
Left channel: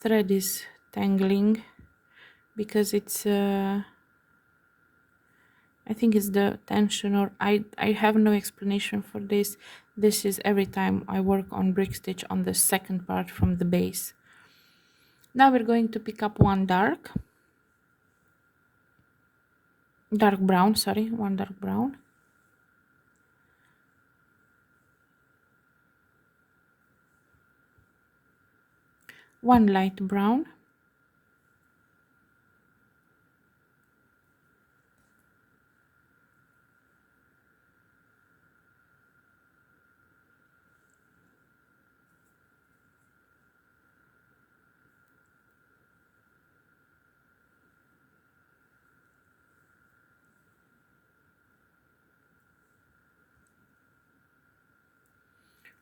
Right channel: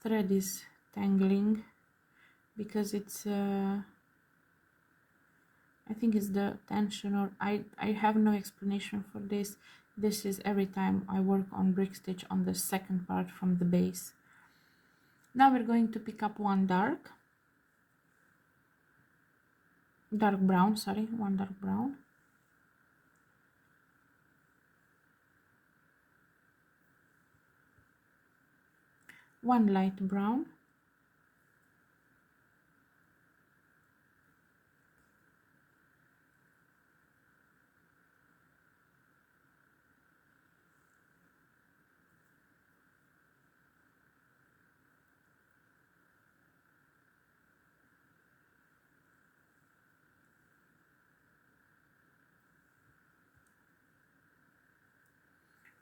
thread is tangling because it's I think it's the tension, or I have no explanation for this. This is every time I work on brick stitch on the second part from the base. Now we're going to pick up 1 dark brown, sorry, 1 dark brown. One light brown.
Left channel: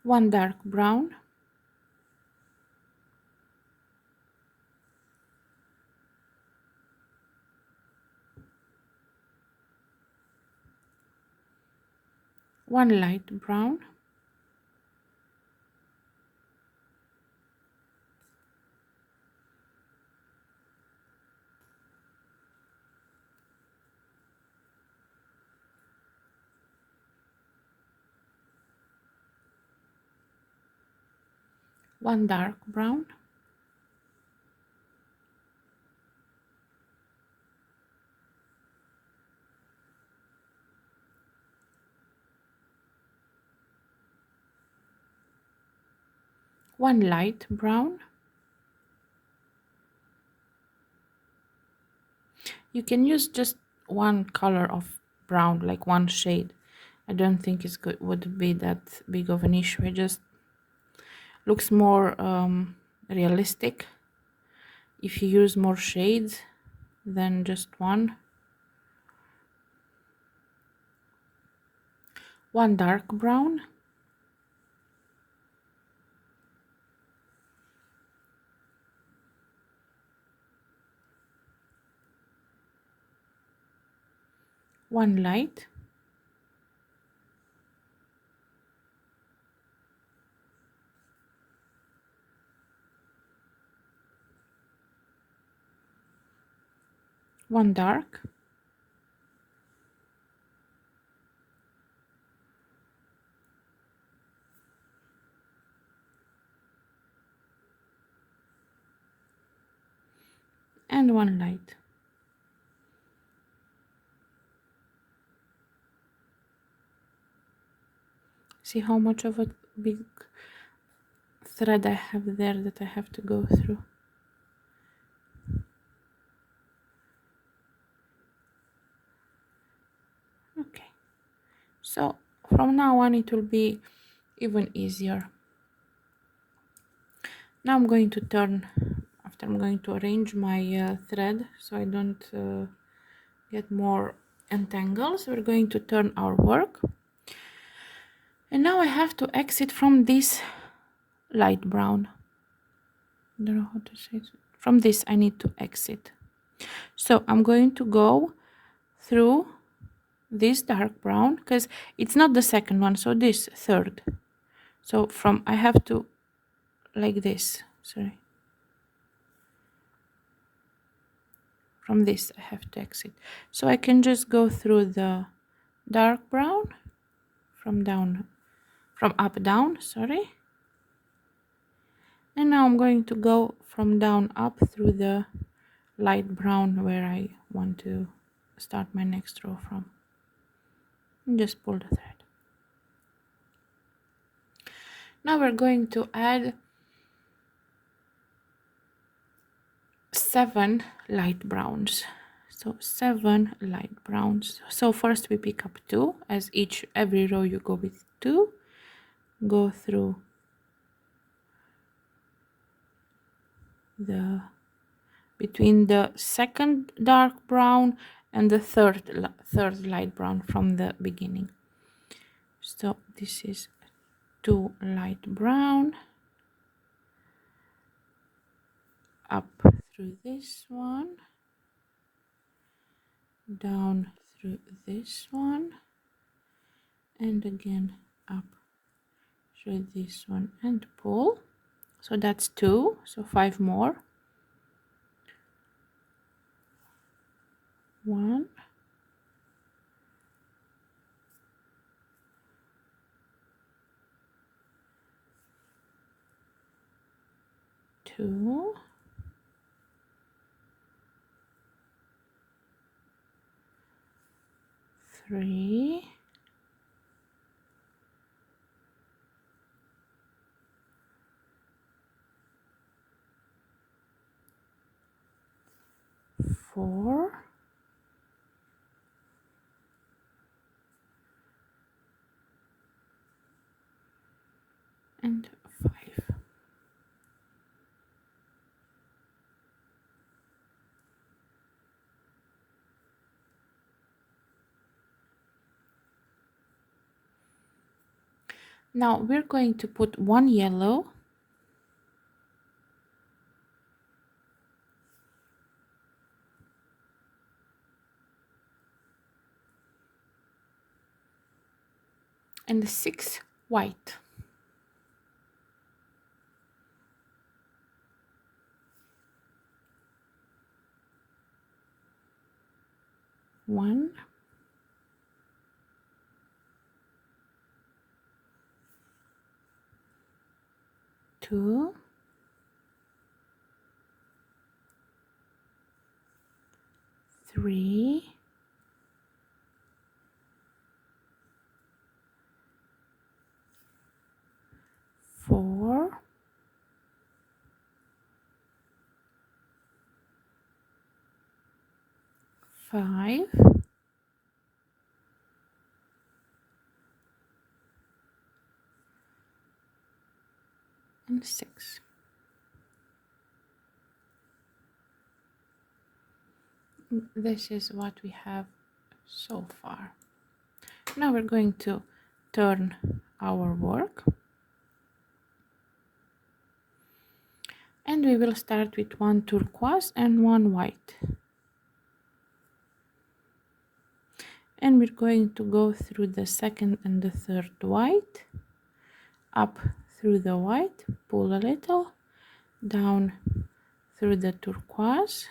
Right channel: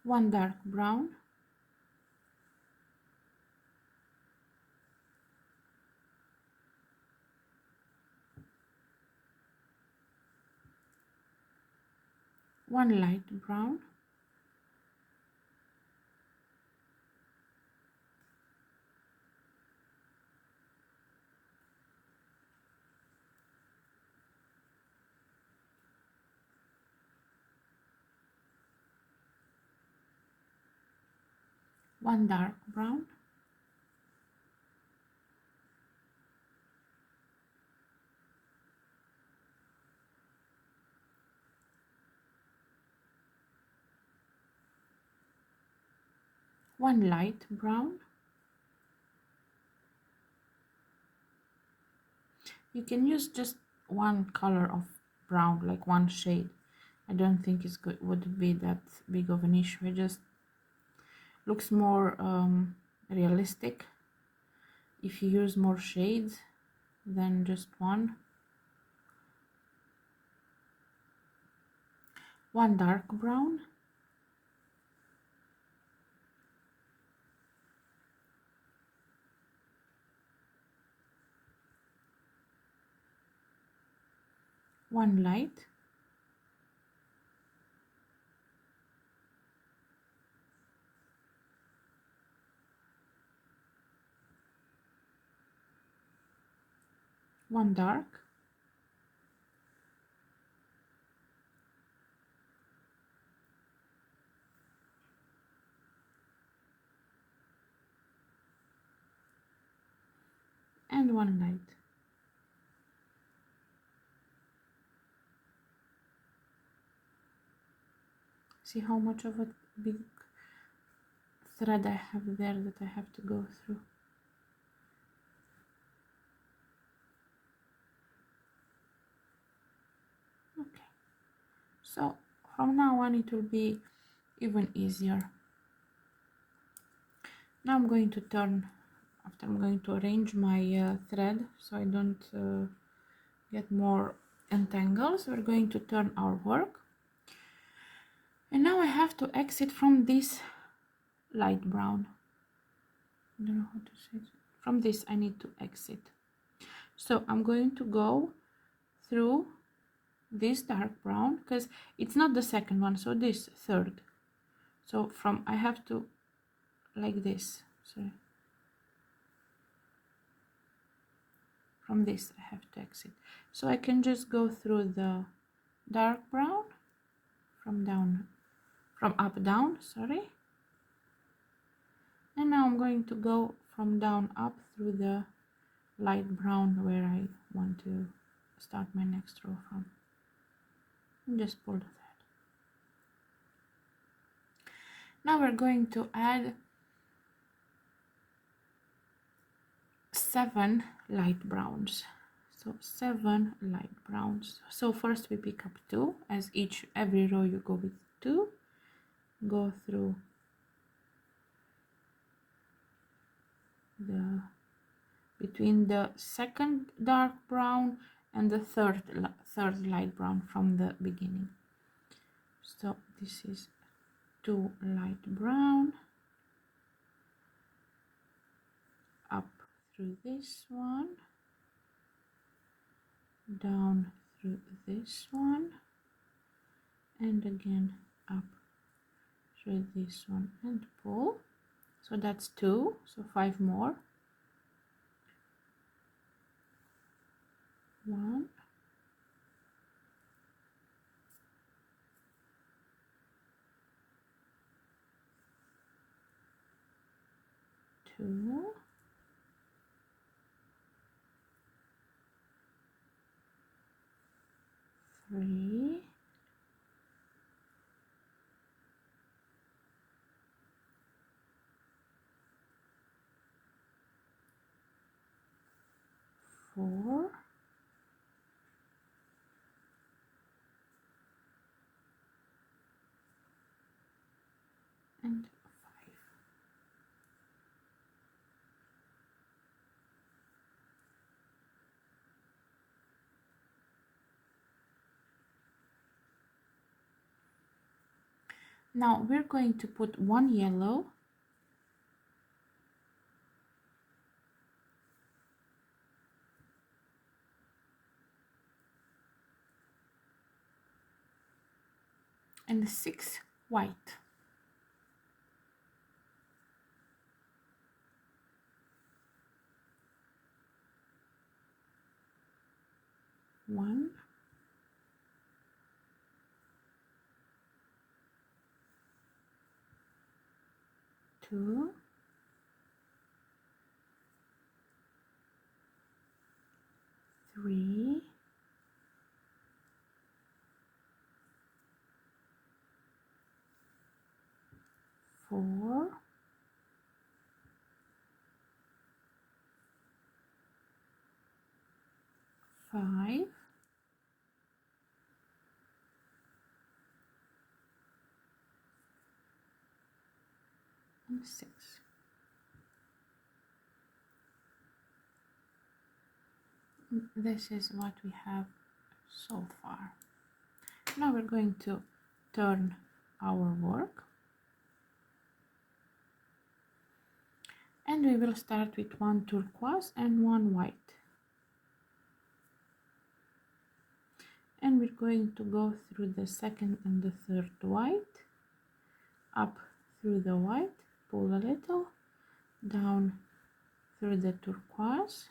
One dark brown. One light brown. One dark brown. One light brown. You can use just one color of brown, like one shade. I don't think it's good, would be that big of an issue. It just looks more realistic if you use more shades than just one. One dark brown. One light. One dark. And one light. See how much of a big thread I have there that I have to go through. So from now on it will be even easier. Now I'm going to turn, after I'm going to arrange my thread so I don't get more entangles. We're going to turn our work, and now I have to exit from this light brown. I don't know how to say it. From this I need to exit. So I'm going to go through this dark brown because it's not the second one, so this third. So from I have to like this, sorry. From this I have to exit. So I can just go through the dark brown from up down, sorry. And now I'm going to go from down up through the light brown where I want to start my next row from. And just pull the thread. Now we're going to add 7 light browns. So 7 light browns. So first we pick up 2, as every row you go with 2. Go through between the second dark brown and the third light brown from the beginning. So this is 2 light brown, up through this one, down through this one, and again up through this one and pull. So that's 2, so 5 more. 1, 2, 3, 4, and 5. Now we're going to put 1 yellow, and 6 white. 1, 2, 3, 4, 5, and 6. This is what we have so far. Now we're going to turn our work, and we will start with 1 turquoise and 1 white, and we're going to go through the second and the third white, up through the white, pull a little, down through the turquoise,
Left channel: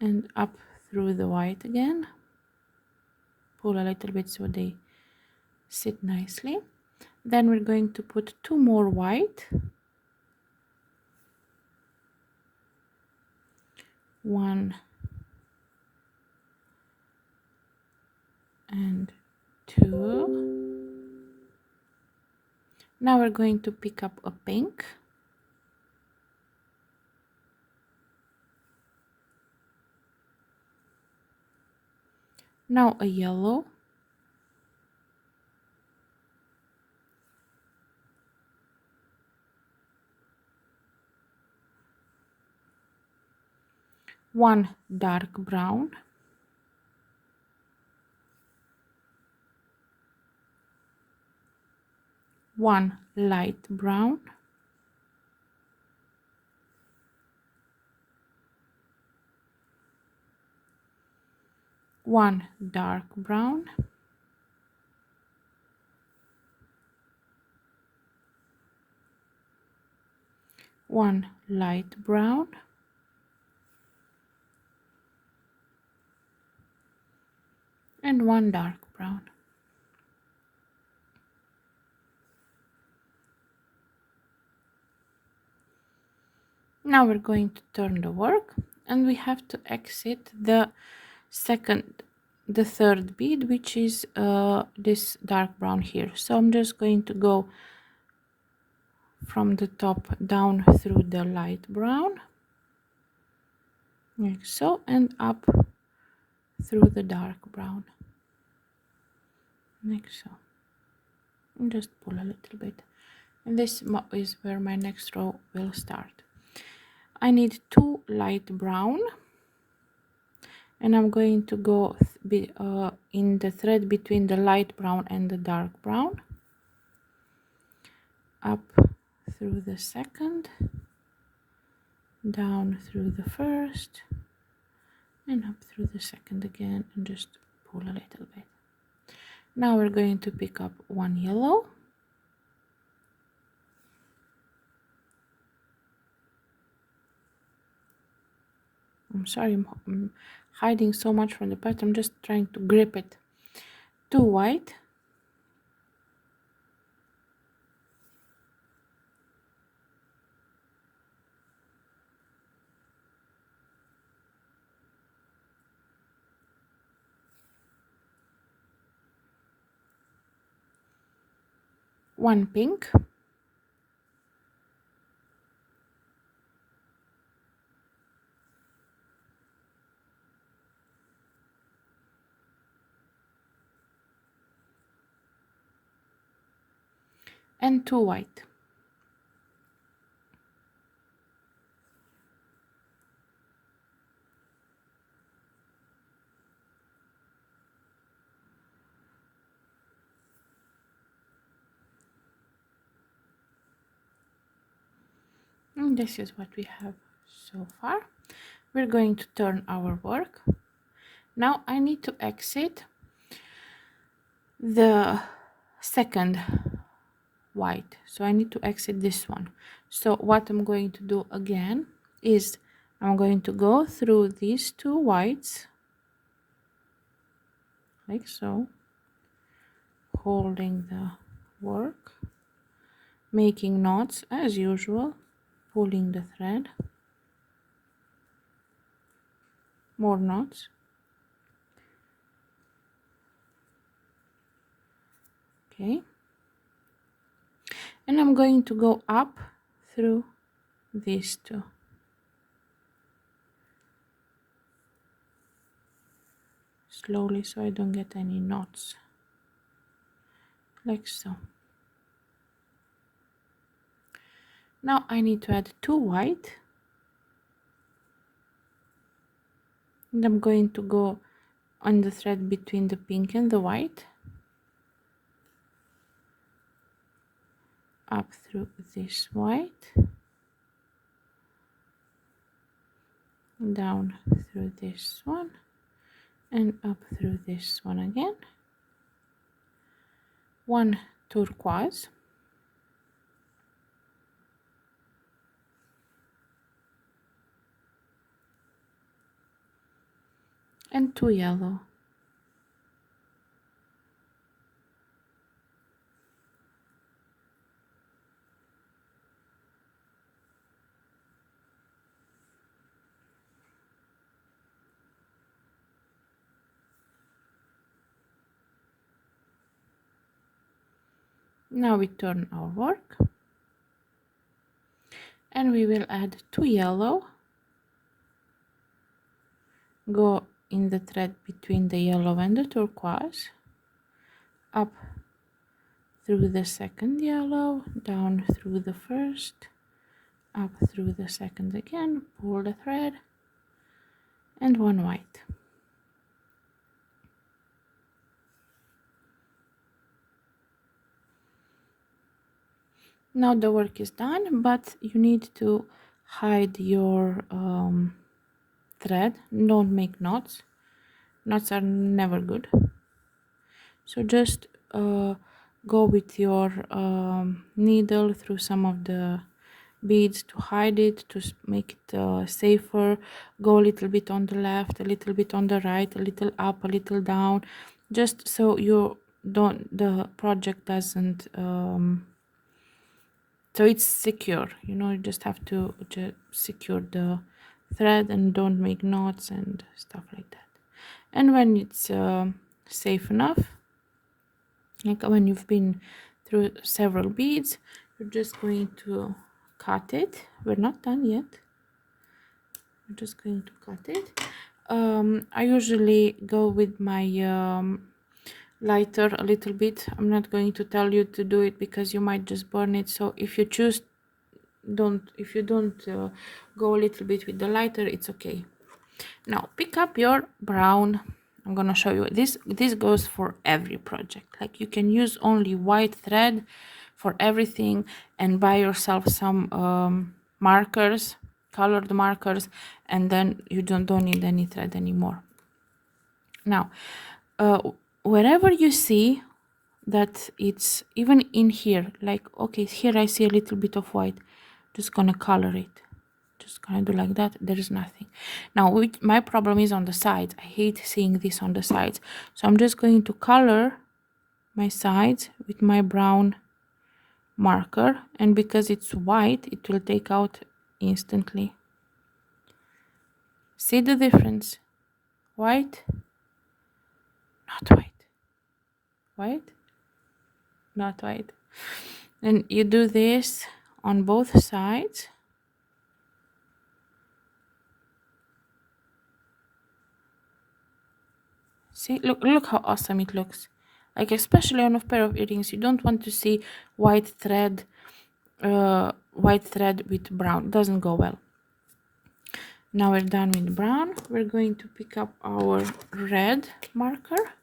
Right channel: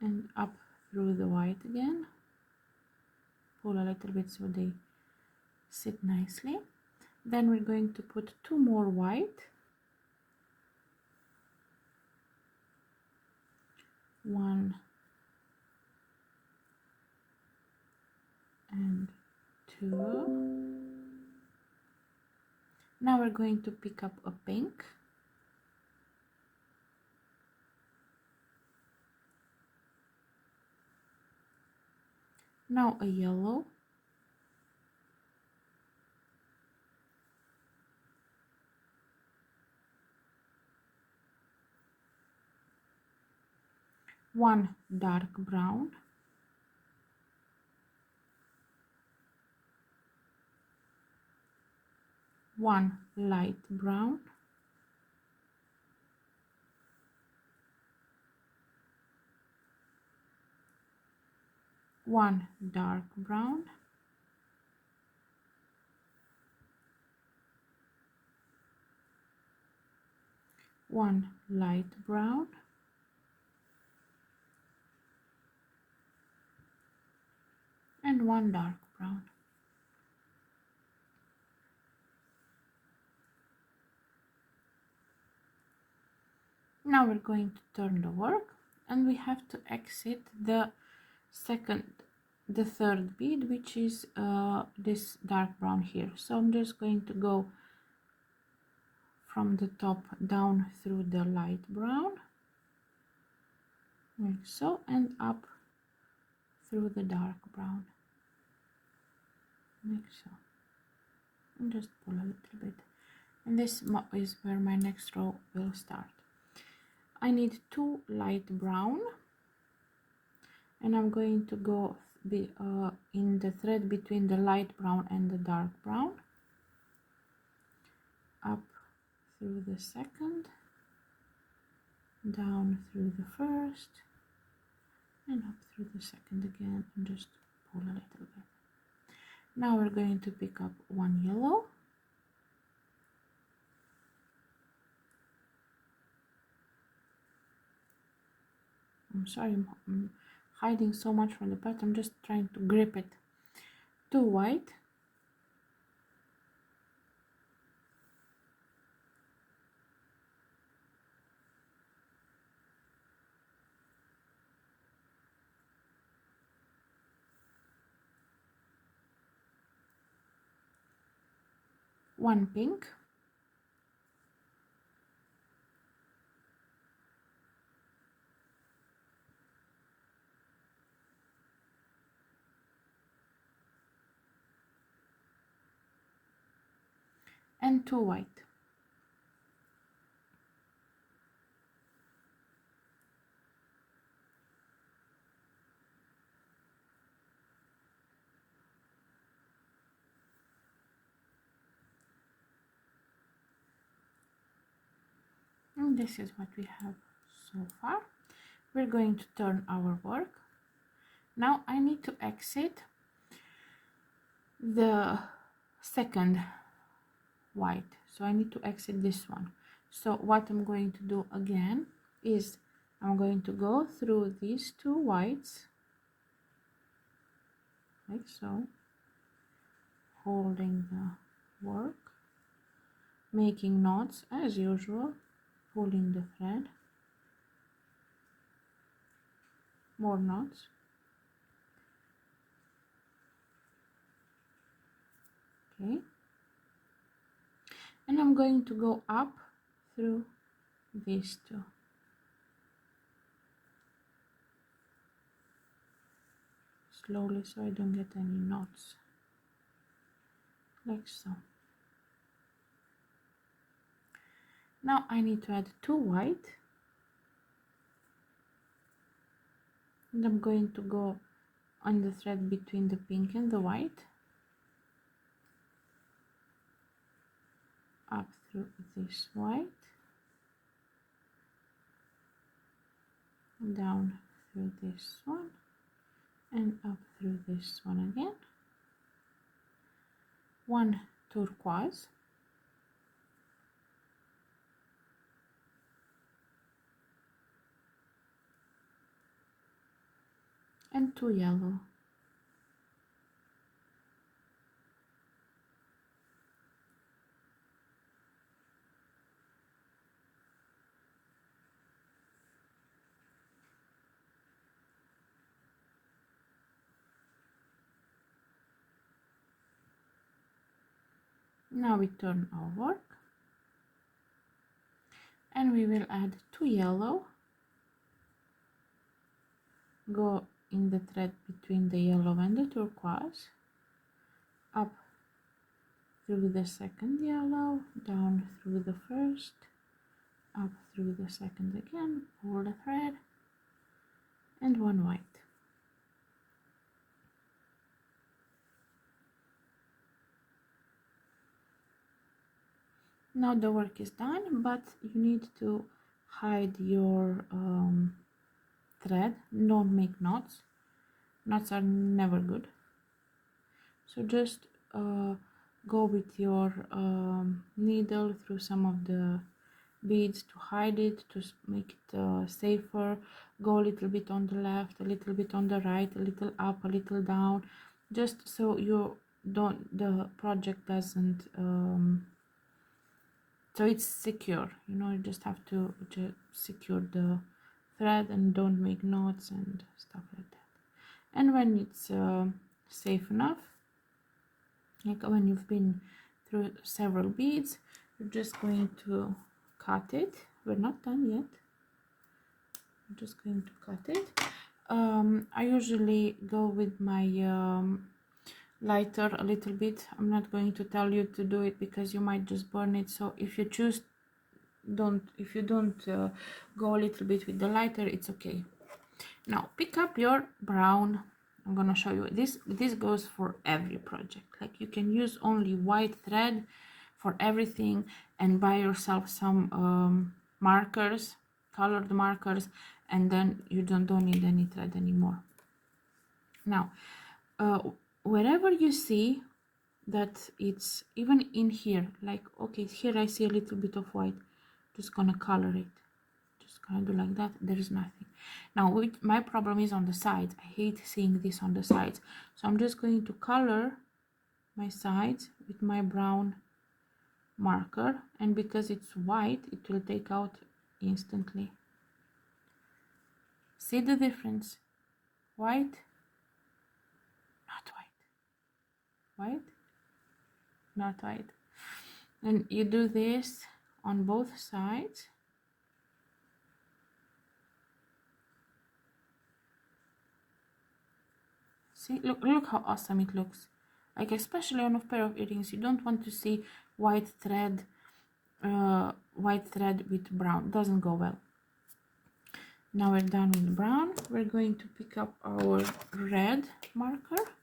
and up through the white again, pull a little bit so they sit nicely. Then we're going to put 2 more white, 1 and 2. Now we're going to pick up a pink, now a yellow, one dark brown, one light brown, one dark brown, one light brown, and one dark brown. Now we're going to turn the work, and we have to exit the third bead, which is this dark brown here. So I'm just going to go from the top down through the light brown, like so, and up through the dark brown, like so, and just pull a little bit. And this is where my next row will start. I need two light brown, and I'm going to go in the thread between the light brown and the dark brown, up through the second, down through the first, and up through the second again, and just pull a little bit. Now we're going to pick up one yellow, I'm sorry, I'm hiding so much from the pattern, I'm just trying to grip it. Two white, one pink, and two white. And this is what we have so far. We're going to turn our work. Now I need to exit the second white, so I need to exit this one. So what I'm going to do again is I'm going to go through these two whites, like so, holding the work, making knots as usual, pulling the thread, more knots, okay, and I'm going to go up through these two, slowly so I don't get any knots, like so. Now I need to add two white, and I'm going to go on the thread between the pink and the white, up through this white, down through this one, and up through this one again, one turquoise, and two yellow. Now we turn our work, and we will add two yellow, go in the thread between the yellow and the turquoise, up through the second yellow, down through the first, up through the second again, pull the thread, and one white. Now the work is done, but you need to hide your thread. Don't make knots. Knots are never good. So just go with your needle through some of the beads to hide it, to make it safer. Go a little bit on the left, a little bit on the right, a little up, a little down, just so the project doesn't so it's secure. You just have to just secure the thread and don't make knots and stuff like that. And when it's safe enough, like when you've been through several beads, you're just going to cut it. We're not done yet. We're just going to cut it. I usually go with my lighter a little bit. I'm not going to tell you to do it because you might just burn it. So if you choose, if you don't go a little bit with the lighter, it's okay. Now pick up your brown. I'm gonna show you this goes for every project. Like you can use only white thread for everything and buy yourself some markers, colored markers, and then you don't need any thread anymore. Now wherever you see that it's even in here, like okay, here I see a little bit of white, just gonna color it. Just gonna do like that. There is nothing. Now my problem is on the sides. I hate seeing this on the sides, so I'm just going to color my sides with my brown marker, and because it's white, it will take out instantly. See the difference? White, not white, white, not white. And you do this on both sides. See, look how awesome it looks. Like especially on a pair of earrings, you don't want to see white thread with brown. Doesn't go well. Now we're done with brown. We're going to pick up our red marker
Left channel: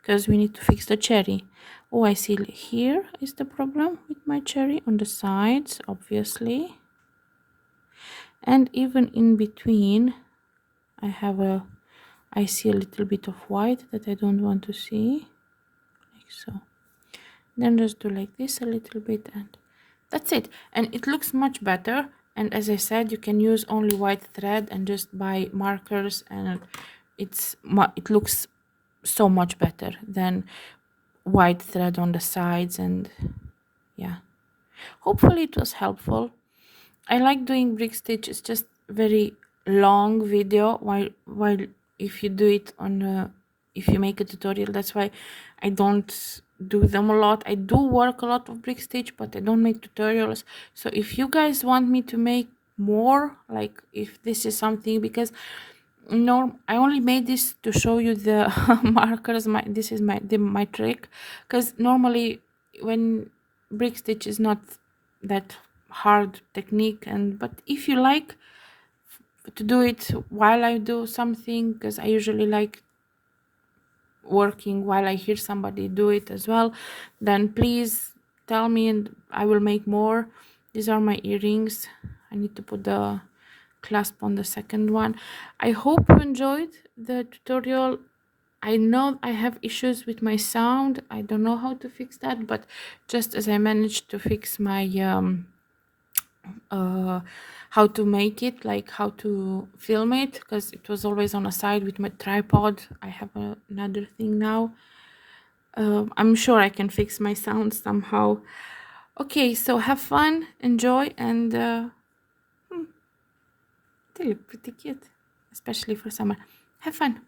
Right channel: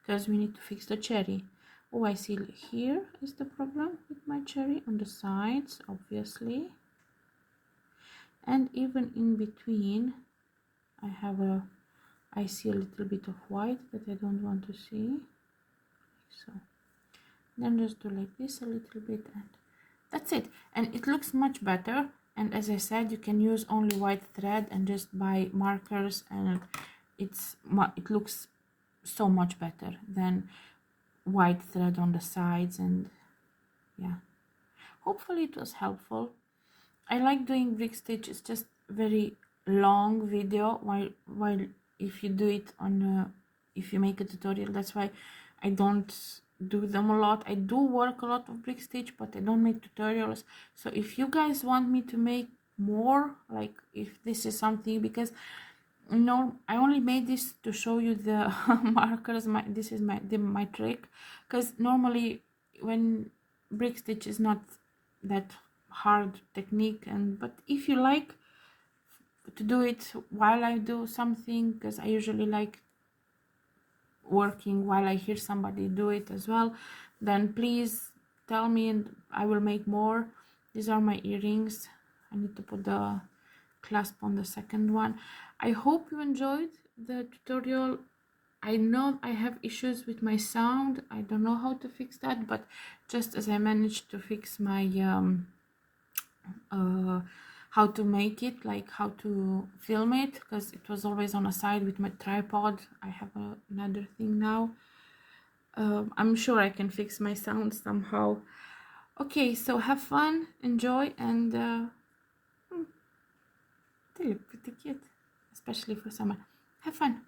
because we need to fix the cherry. Oh, I see here is the problem with my cherry, on the sides obviously, and even in between I see a little bit of white that I don't want to see, like so. Then just do like this a little bit, and that's it. And it looks much better. And as I said, you can use only white thread and just buy markers, and it looks so much better than white thread on the sides. And yeah, hopefully it was helpful. I like doing brick stitch. It's just very long video, while if you do it on if you make a tutorial, that's why I don't do them a lot. I do work a lot of brick stitch, but I don't make tutorials. So if you guys want me to make more, like if this is something, because I only made this to show you the markers. This is my trick, because normally when brick stitch is not that hard technique, but if you like to do it while I do something, because I usually like working while I hear somebody do it as well, then please tell me and I will make more. These are my earrings. I need to put the clasp on the second one. I hope you enjoyed the tutorial. I know I have issues with my sound. I don't know how to fix that, but just as I managed to fix my how to make it, like how to film it, because it was always on a side with my tripod. I have another thing now. I'm sure I can fix my sound somehow. Okay, so have fun, enjoy, and they look pretty cute, especially for summer. Have fun.